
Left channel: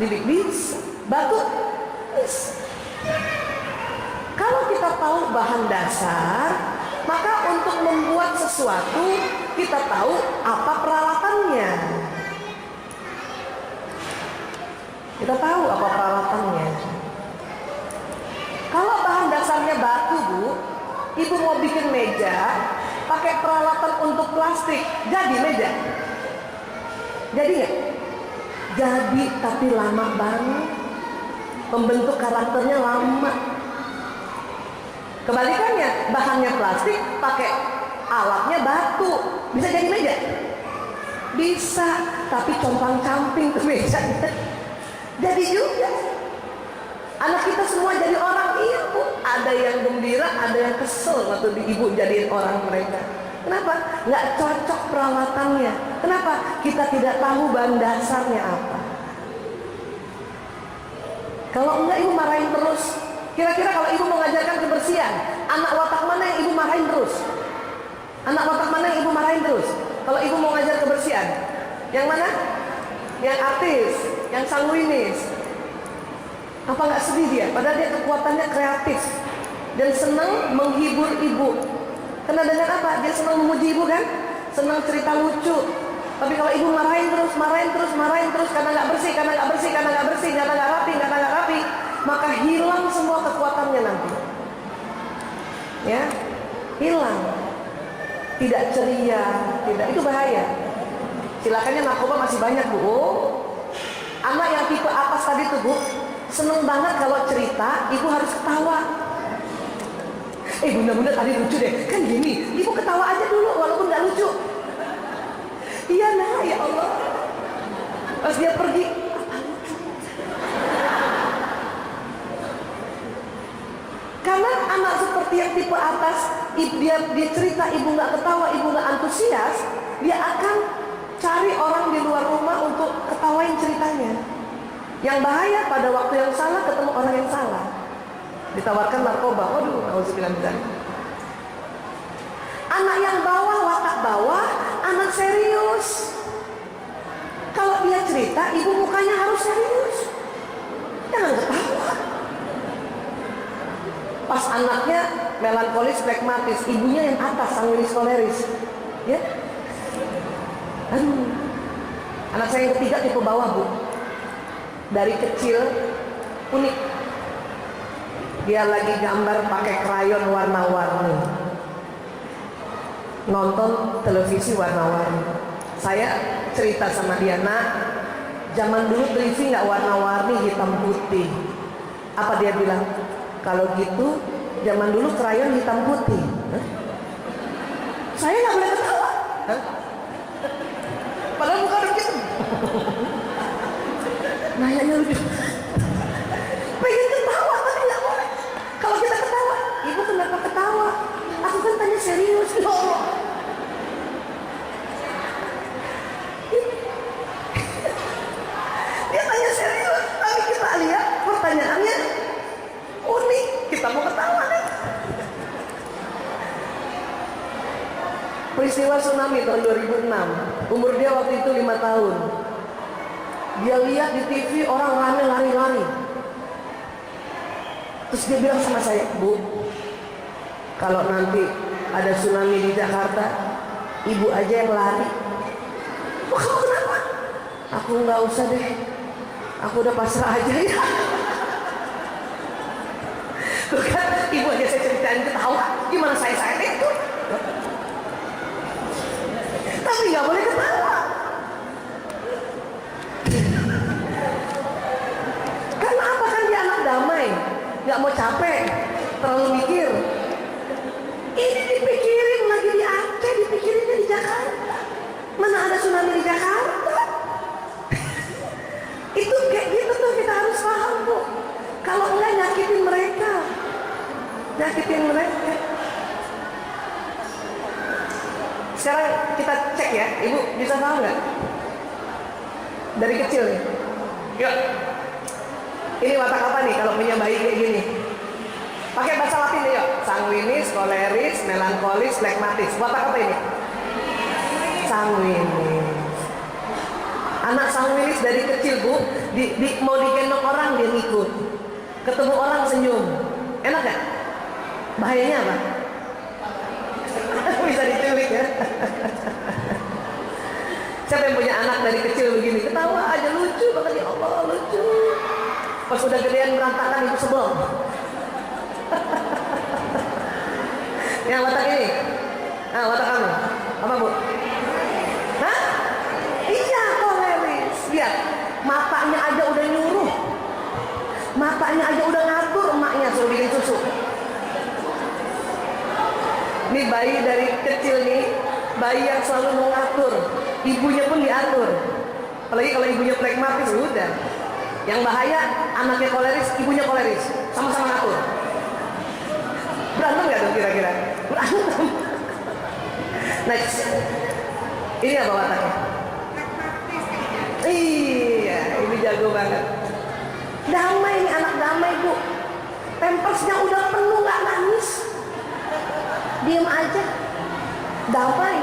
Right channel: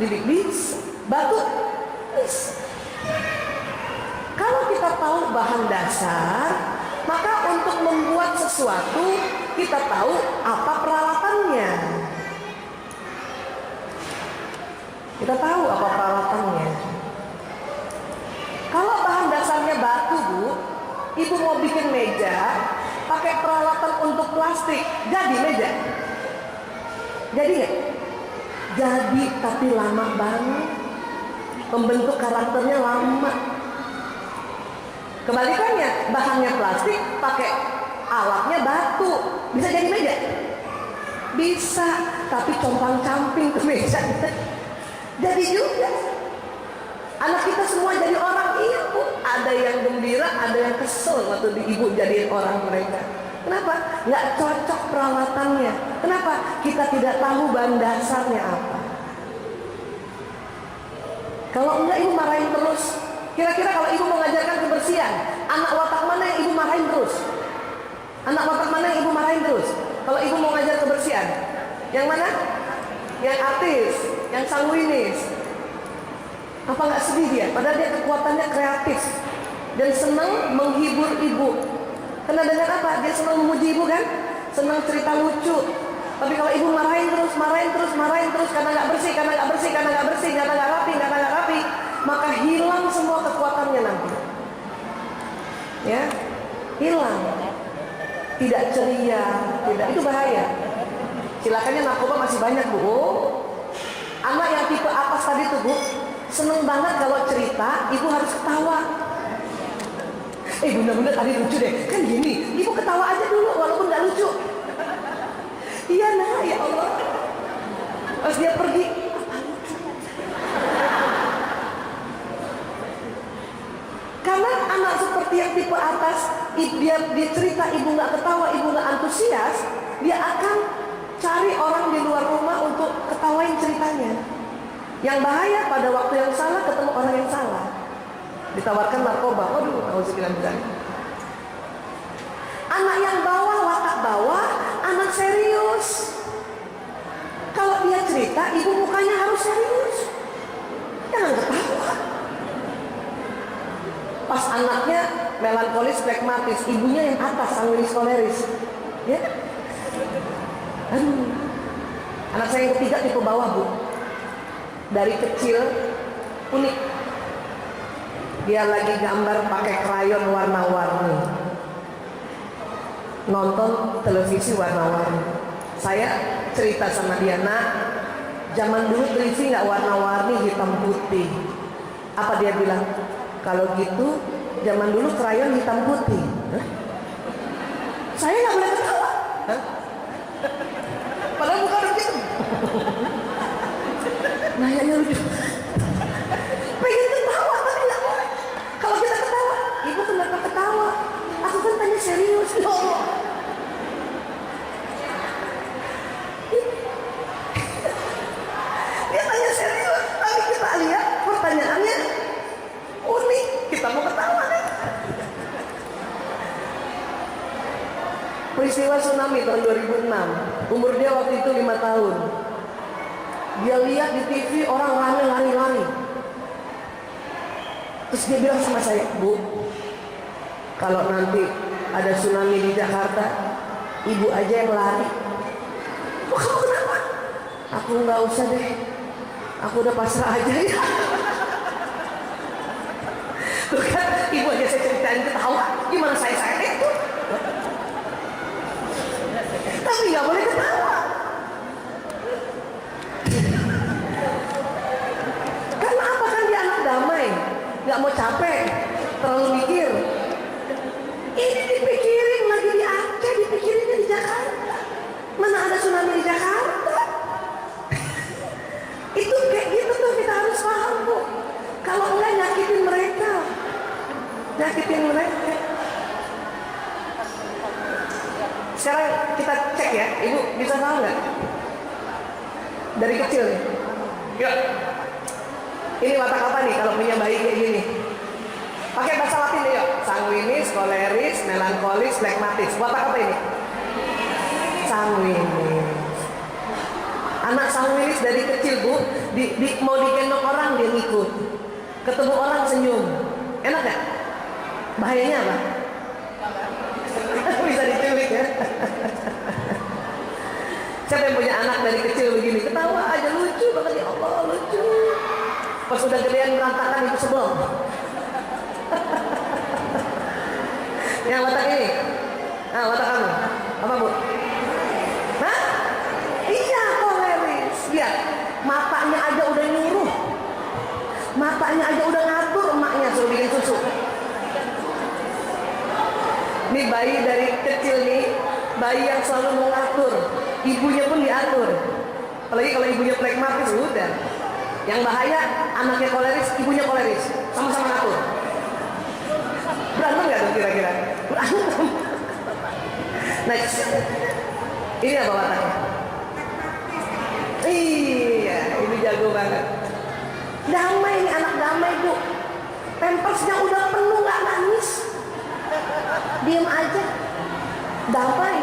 Bisa. Batu? Bisa. Kalau kita tahu bahan dasar, maka untuk membuat sesuatu kita tahu apa peralatannya. Kalau bahan dasarnya batu Bu, ibu mau bikin meja pakai peralatan untuk plastik, jadi meja? Jadi nggak? Jadi, tapi lama banget. Membentuk karakternya lama. Kebalikannya, bahannya plastik, pakai alatnya batu, bisa jadi meja? Bisa, tapi compang-camping ke meja. Jadi juga. Anak kita semua jadi orang, iya Bu. Ada yang gembira, ada yang kesel waktu ibu jadiin orang mereka. Kenapa? Nggak cocok peralatannya. Kenapa? Kita tidak tahu bahan dasarnya apa. Kalau enggak ibu marahin terus. Kira-kira kalau ibu mengajarkan kebersihan, anak watak mana yang ibu marahin terus? Kalau ibu mau ngajar kebersihan, yang mana? Yang artis, yang sanguinis. Apa nggak sedih dia? Padahal dia kekuatannya kreatif dan senang menghibur ibu. Karena dengan apa? Dia senang memuji ibu kan? Senang cerita lucu. Tapi kalau ibu marahin terus karena nggak bersih, karena nggak rapi, maka hilang semua kekuatannya nanti. Ya, hilang. Tidak ceria, itu bahaya. Silakannya narkoba masih banyak Bu. Anak yang tipe atas tadi tuh Bu, seneng banget kalau cerita, ibu harus ketawa. Bunda tadi lucu deh, kan gini, ibu ketawa aja dulu walaupun nggak lucu. Iya nah, ya Allah. Pas dia pergi, apa lucu? Karena anak seperti yang tipe atas, dia cerita, ibu nggak ketawa, ibu nggak antusias, dia akan cari orang di luar rumah untuk ketawain ceritanya. Yang bahaya pada waktu yang salah ketemu orang yang salah. Ditawarkan narkoba, waduh, auzubillah min dzalik. Anak yang bawah, watak bawah, anak serius. Kalau dia cerita, ibu mukanya harus serius. Jangan ketawa. Pas anaknya melankolis, flekmatis. Ibunya yang atas, sanguinis, koleris. Ya, aduh. Anak saya yang ketiga tipe bawah, Bu. Dari kecil unik. Dia lagi gambar pakai krayon warna-warni. Nonton televisi warna-warni. Saya cerita sama dia, nak, zaman dulu televisi nggak warna-warni, hitam putih. Apa dia bilang? Kalau gitu, zaman dulu krayon hitam putih. Hah? Saya nggak boleh ketawa. Hah? Padahal bukan begitu. Nanyanya lucu. Pengen ketawa tapi nggak boleh. Kalau kita ketawa, ibu kenapa ketawa? Aku kan tanya serius. Ya Allah. Dia tanya serius, tapi kita lihat pertanyaannya unik. Kita mau ketawa kan? Peristiwa tsunami tahun 2006. Umur dia waktu itu 5 tahun. Dia lihat di TV orang rame lari-lari. Terus dia bilang sama saya, Bu, kalau nanti ada tsunami di Jakarta, ibu aja yang lari. Oh, kamu kenapa? Aku nggak usah deh. Aku udah pasrah aja ya. Tuh kan, ibu aja saya ceritain ketawa. Gimana saya itu? Tapi nggak boleh ketawa. Karena apa, kan dia anak damai, nggak mau capek, terlalu mikir. Ini dipikirin lagi di Aceh, dipikirinnya di Jakarta. Mana ada tsunami di Jakarta? Itu kayak gitu tuh, kita harus paham, Bu. Kalau enggak nyakitin mereka. Sekarang kita cek ya, Ibu bisa paham nggak? Dari kecil nih. Yuk. Ini watak apa nih kalau punya bayi kayak gini? Pakai bahasa Latin deh yuk. Sanguinis, koleris, melankolis, flekmatis. Watak apa ini? Sanguinis. Anak sanguinis dari kecil, Bu, mau digendong orang dia ngikut. Ketemu orang senyum. Enak gak? Bahayanya apa? Bisa diculik ya. Siapa yang punya anak dari kecil begini? Ketawa aja, lucu banget, ya Allah, lucu. Pas udah gedean berantakan, ibu sebel. Yang watak ini? Nah, watak kamu? Apa, Bu? Hah? Iya, koleris. Lihat, matanya aja udah nyuruh. Matanya aja udah ngatur emaknya suruh bikin susu. Ini bayi dari kecil nih, bayi yang selalu mau ngatur. Ibunya pun diatur. Apalagi kalau ibunya flekmatis, udah. Yang bahaya, anaknya koleris, ibunya koleris. Sama-sama ngatur. Berantem nggak tuh kira-kira? Berantem. Next. Ini apa wataknya? Iya, ini jago banget. Damai nih, anak damai, Bu. Pampersnya udah penuh, nggak nangis. Diam aja. Damai.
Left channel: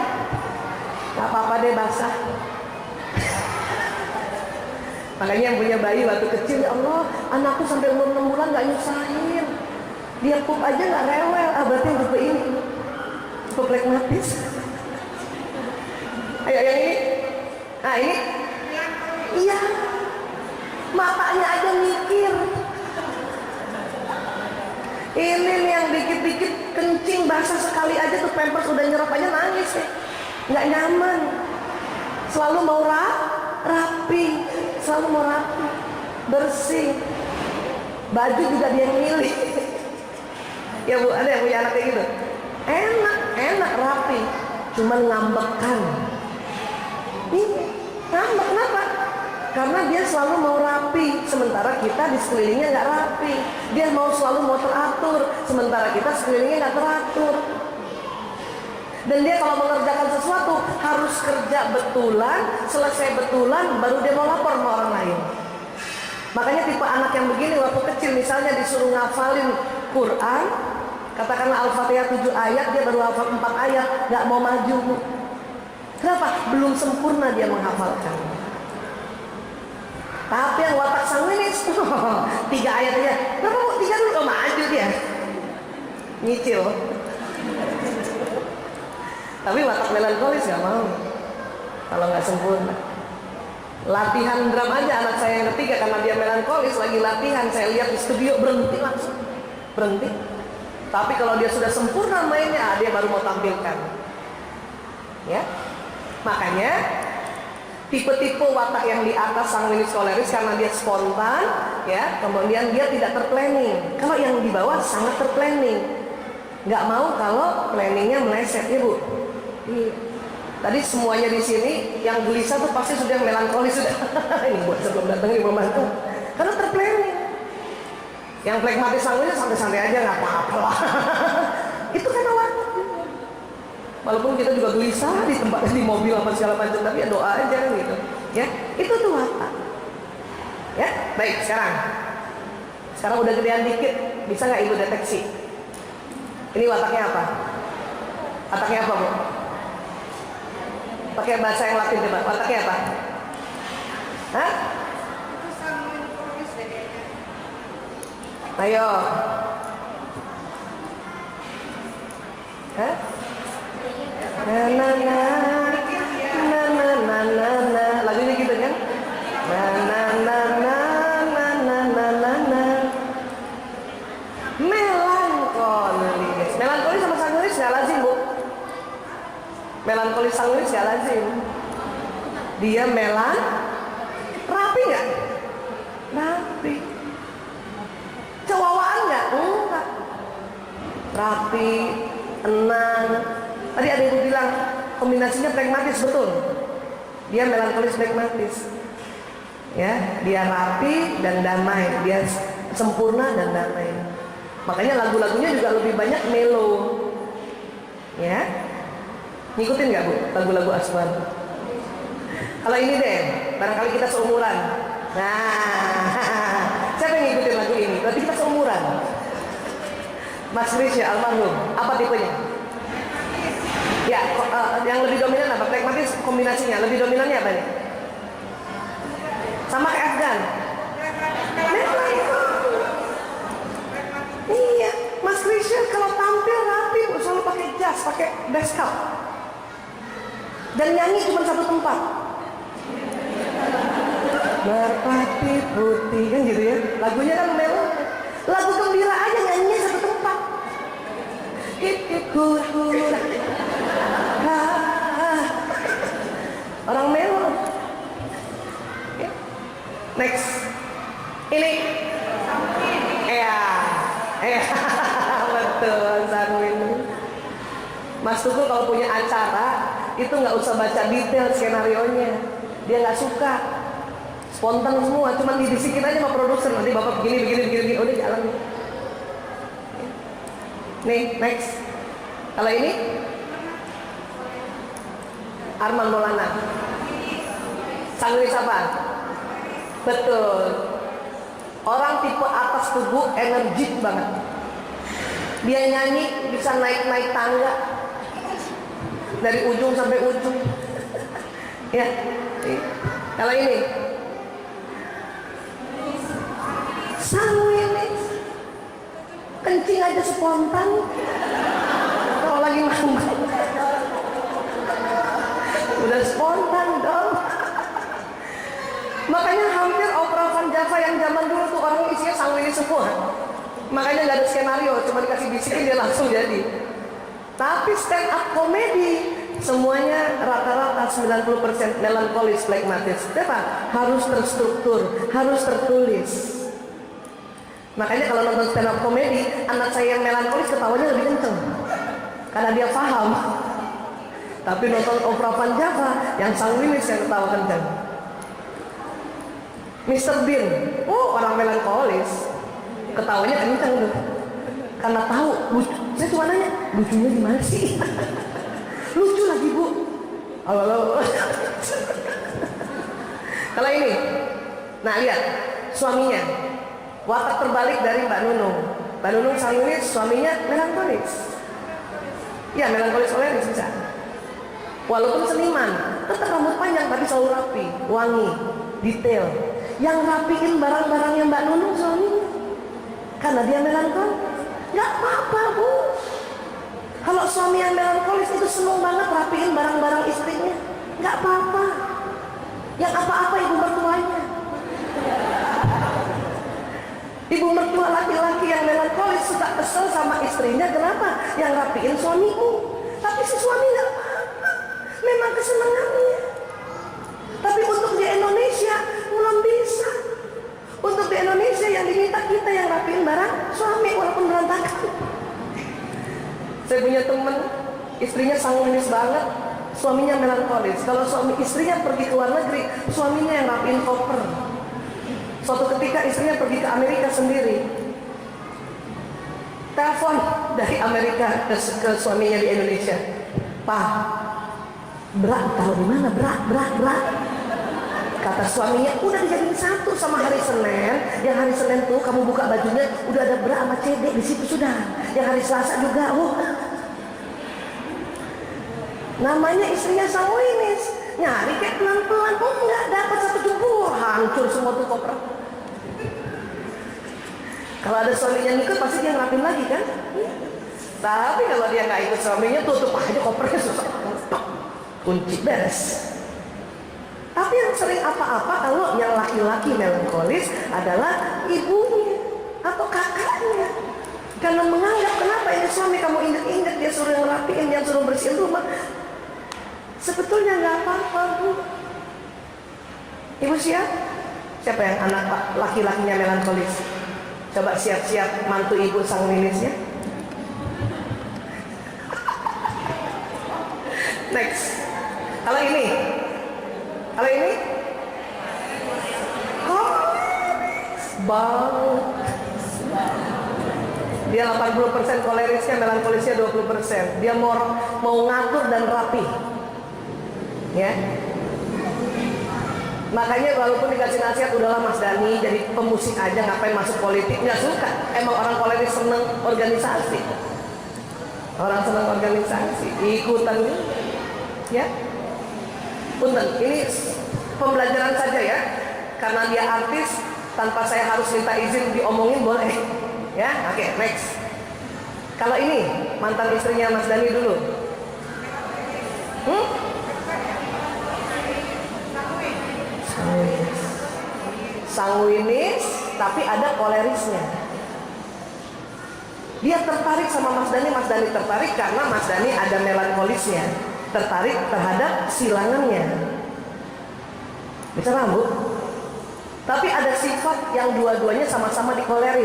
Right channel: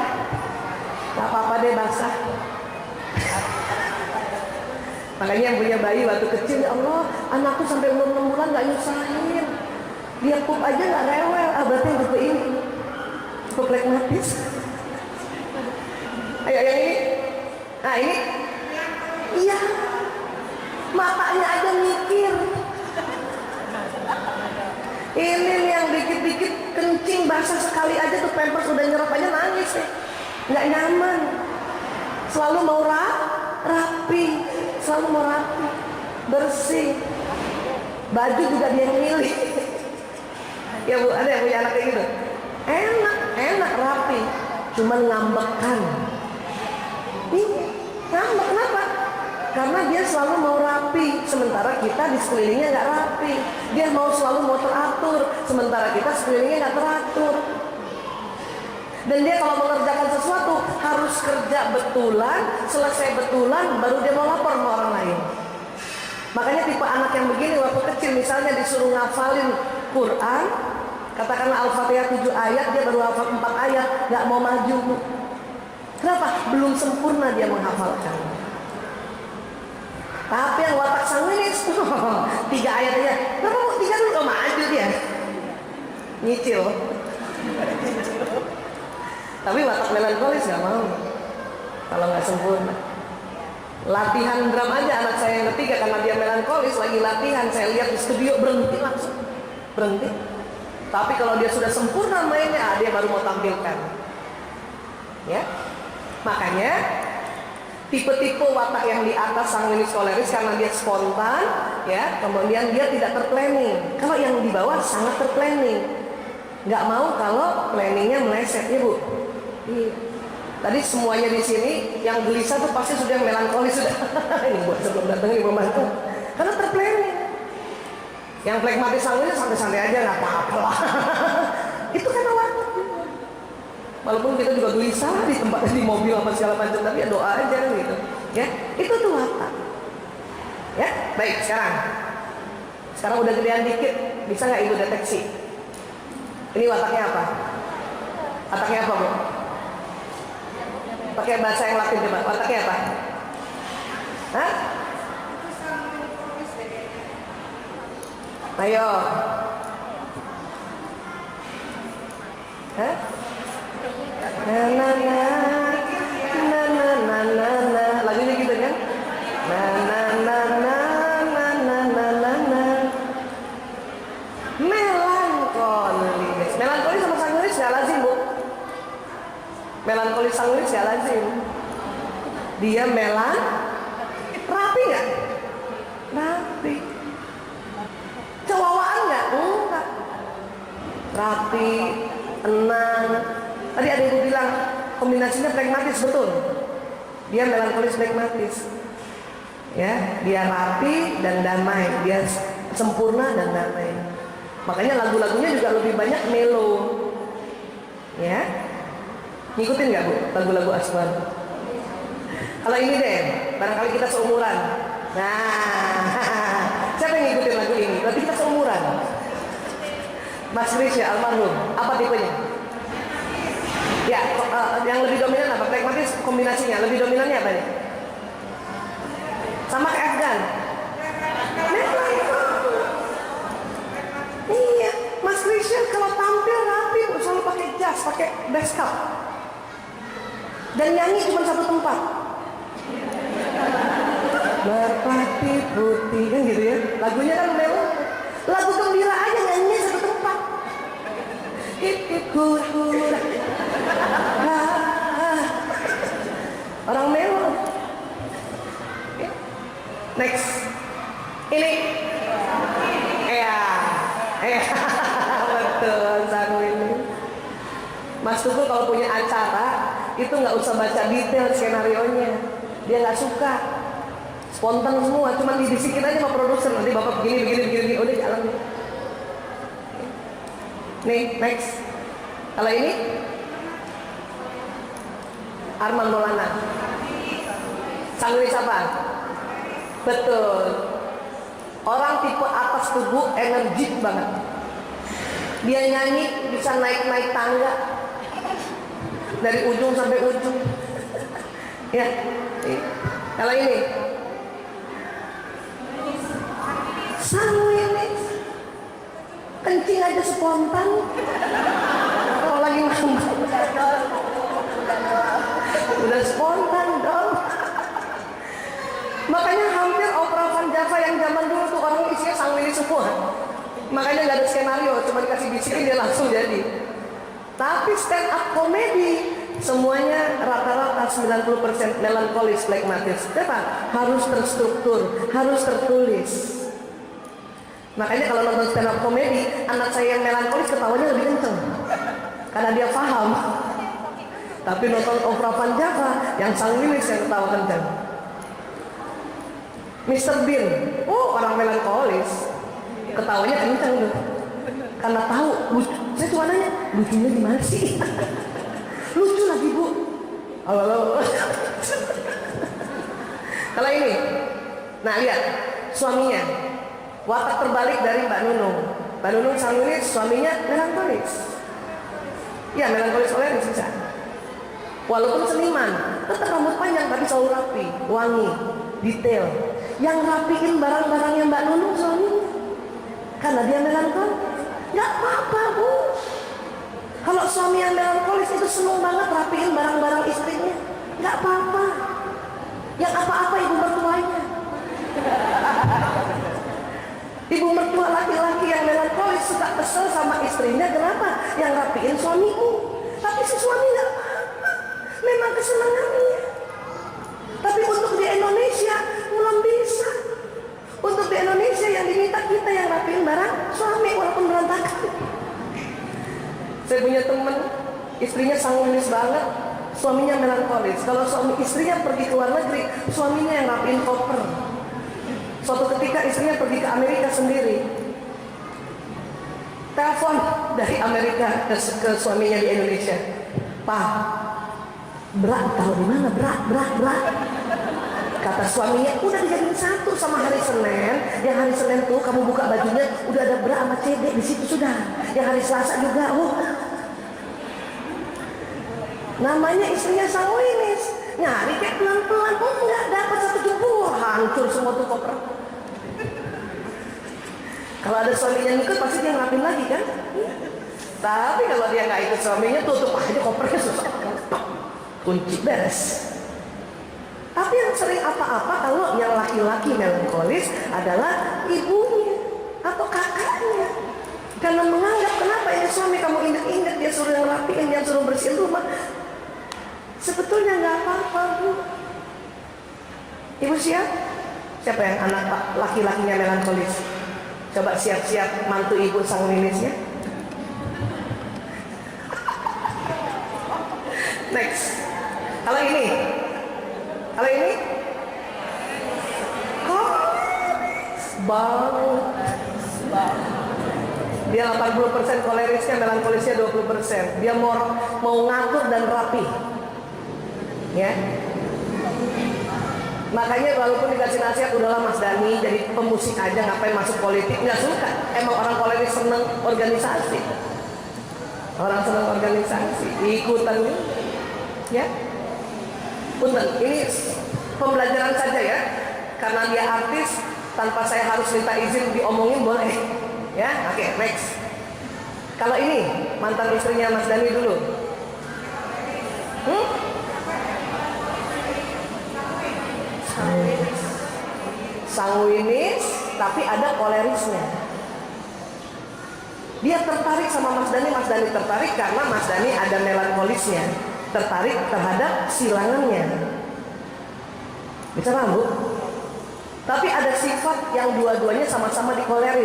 Gak apa-apa deh basah. Makanya yang punya bayi waktu kecil, ya Allah, anakku sampai umur 6 bulan gak nyusahin. Dia pup aja gak rewel. Ah, berarti yang tipe ini, tipe flekmatis. Ayo yang ini. Nah ini. Iya. Matanya aja mikir. Ini nih yang dikit-dikit kencing basah sekali aja tuh pampers udah nyerap aja nangis ya. Nggak nyaman. Selalu mau rapi, selalu mau rapi, bersih. Baju juga dia yang milih. Ya Bu, ada yang punya anak kayak gitu? Enak rapi. Cuman ngambekan. Nih, ngambek kenapa? Karena dia selalu mau rapi, sementara kita di sekelilingnya nggak rapi. Dia selalu mau teratur, sementara kita sekelilingnya nggak teratur. Dan dia kalau mengerjakan sesuatu harus kerja betulan, selesai betulan, baru dia mau lapor sama orang lain. Makanya tipe anak yang begini waktu kecil misalnya disuruh ngafalin Quran, katakanlah Al-Fatihah 7 ayat, dia baru hafal 4 ayat, nggak mau maju. Kenapa? Belum sempurna dia menghafalkan. Tapi yang watak sanguinis, 3 ayat aja. Kenapa Bu? 3 dulu, maju dia. nyicil. Tapi watak melankolis nggak mau kalau nggak sempurna. Latihan drum aja anak saya yang ketiga, karena dia melankolis lagi latihan, saya lihat di studio berhenti langsung, berhenti. Tapi kalau dia sudah sempurna mainnya, dia baru mau tampilkan. Ya, makanya tipe-tipe watak yang di atas sanguinis koleris karena dia spontan, ya, kemudian dia tidak terplanning. Kalau yang di bawah sangat terplanning, nggak mau kalau planningnya meleset, ya Bu. Tadi semuanya di sini yang gelisah tuh pasti sudah melankolis sudah. Ini buat sebelum datang ini membantu. Karena terplanning. Yang flegmatis sanguinis santai-santai aja nggak apa-apa lah. Itu kan watak. Walaupun kita juga gelisah di tempat, di mobil apa segala macam, tapi ya doa aja gitu. Ya, itu tuh watak. Ya, baik sekarang. Sekarang udah gedean dikit, bisa nggak Ibu deteksi? Ini wataknya apa? Wataknya apa, Bu? Pakai bahasa yang Latin coba. Wataknya apa? Hah? Ayo. Hah? Na na na na na na na na. Lagunya gitu kan? Na na na na na na na na na. Melankolis. Melankolis sama sanguinis nggak lazim, Bu. Melankolis sanguinis nggak lazim. Dia rapi nggak? Rapi. Cowawaan nggak? Enggak. Rapi, tenang. Tadi ada Ibu bilang kombinasinya pragmatis, betul. Dia melankolis pragmatis. Ya, dia rapi dan damai, dia sempurna dan damai. Makanya lagu-lagunya juga lebih banyak melo. Ya. Ngikutin nggak Bu lagu-lagu Aswan? Kalau ini deh, barangkali kita seumuran. Nah, siapa yang ngikutin lagu ini? Berarti kita seumuran. Mas Krisya almarhum, apa tipenya? Ya, yang lebih dominan apa? Pragmatis kombinasinya, lebih dominannya apa nih? Sama kayak Afgan. Iya, Mas Krisya kalau tampil rapi selalu pakai jas, pakai bass cup. Dan nyanyi cuma satu tempat. Merpati putih kan gitu ya. Lagunya kan melo. Lagu gembira aja nyanyinya satu tempat. Hip hip hura hura. Orang melo. Next. Ini. Betul, sanguinis. Mas Tuku kalau punya acara itu nggak usah baca detail skenarionya, dia nggak suka, spontan semua, cuma dibisikin aja sama produser, nanti bapak begini, udah jalan. Nih, next. Kalau ini Arman Maulana, sanguinis apa? Betul. Orang tipe atas tubuh energik banget. Dia nyanyi bisa naik tangga dari ujung sampai ujung. Ya. Kalau ini sanguinis, kencing aja spontan. Kalau lagi manggung udah spontan dong. Makanya hampir opera Van Java yang zaman dulu tuh orang isinya sanguinis semua. Makanya nggak ada skenario, cuma dikasih bisikin dia langsung jadi. Tapi stand up komedi semuanya rata-rata 90% melankolis, phlegmatis. Kenapa? Harus terstruktur, harus tertulis. Makanya kalau nonton stand up komedi, anak saya yang melankolis ketawanya lebih kenceng karena dia paham. Tapi nonton opera Van Java yang sanguinis yang ketawa kenceng. Mr. Bean, orang melankolis, ketawanya kenceng tuh, karena tahu lucu. Saya cuma nanya, lucunya gimana sih? Lucu lagi Bu. Halo. Kalau ini, nah lihat suaminya, watak terbalik dari Mbak Nunung. Mbak Nunung sanguinis, suaminya melankolis. Ya melankolis koleris bisa. Walaupun seniman, tetap rambut panjang tapi selalu rapi, wangi, detail. Yang rapiin barang-barangnya Mbak Nunung suaminya, karena dia melankolis. Nggak apa-apa Bu, Kalau suami yang melankolis itu seneng banget rapiin barang-barang istrinya, nggak apa-apa. Yang apa-apa ibu mertuanya. Ibu mertua laki-laki yang melankolis suka kesel sama istrinya, kenapa? Yang rapiin suamimu. Tapi si suami nggak apa-apa, memang kesenangannya. Tapi untuk di Indonesia belum bisa. Untuk di Indonesia yang diminta kita yang rapiin barang suami walaupun berantakan. Saya punya temen, istrinya sanguinis banget, suaminya melankolis. Kalau suami istrinya pergi ke luar negeri, suaminya yang rapiin koper. Suatu ketika istrinya pergi ke Amerika sendiri, telepon dari Amerika ke suaminya di Indonesia, "Pak, bra taruh di mana? Bra. Kata suaminya, udah dijadiin satu sama hari Senin. Yang hari Senin tuh kamu buka bajunya udah ada bra sama CD di situ sudah. Yang hari Selasa juga. Namanya istrinya sanguinis. Nyari kayak pelan-pelan, enggak dapat satu jempol, hancur semua tuh koper. Kalau ada suaminya ikut pasti dia ngerapin lagi kan? Tapi kalau dia nggak ikut suaminya, tutup aja kopernya, susah. Kunci beres. Tapi yang sering apa-apa kalau yang laki-laki melankolis adalah ibunya atau kakaknya. Karena menganggap kenapa ini suami kamu ingat-ingat dia suruh ngerapiin, dia suruh bersihin rumah. Sebetulnya nggak apa-apa, Bu. Ibu siap? Siapa yang anak laki-lakinya melankolis? Coba siap-siap mantu ibu sanguinisnya. Next. Kalau ini bang, dia 80% kolerisnya, melankolisnya 20%. Dia mau ngatur dan rapi, ya. Makanya walaupun dikasih nasihat, udahlah Mas Dani jadi pemusik aja, ngapain masuk politik, nggak suka. Emang orang koleris seneng organisasi, orang seneng organisasi, ikutan, ya. Punten, ini pembelajaran saja ya, karena dia artis, tanpa saya harus minta izin diomongin boleh, ya. Oke, next. Kalau ini mantan istrinya Mas Dani dulu, sanguinis, tapi ada kolerisnya. Dia tertarik sama Mas Dani tertarik karena Mas Dani ada melankolisnya, tertarik terhadap silangannya. Bisa paham, Bu? Tapi ada sifat yang dua-duanya sama-sama di koleris.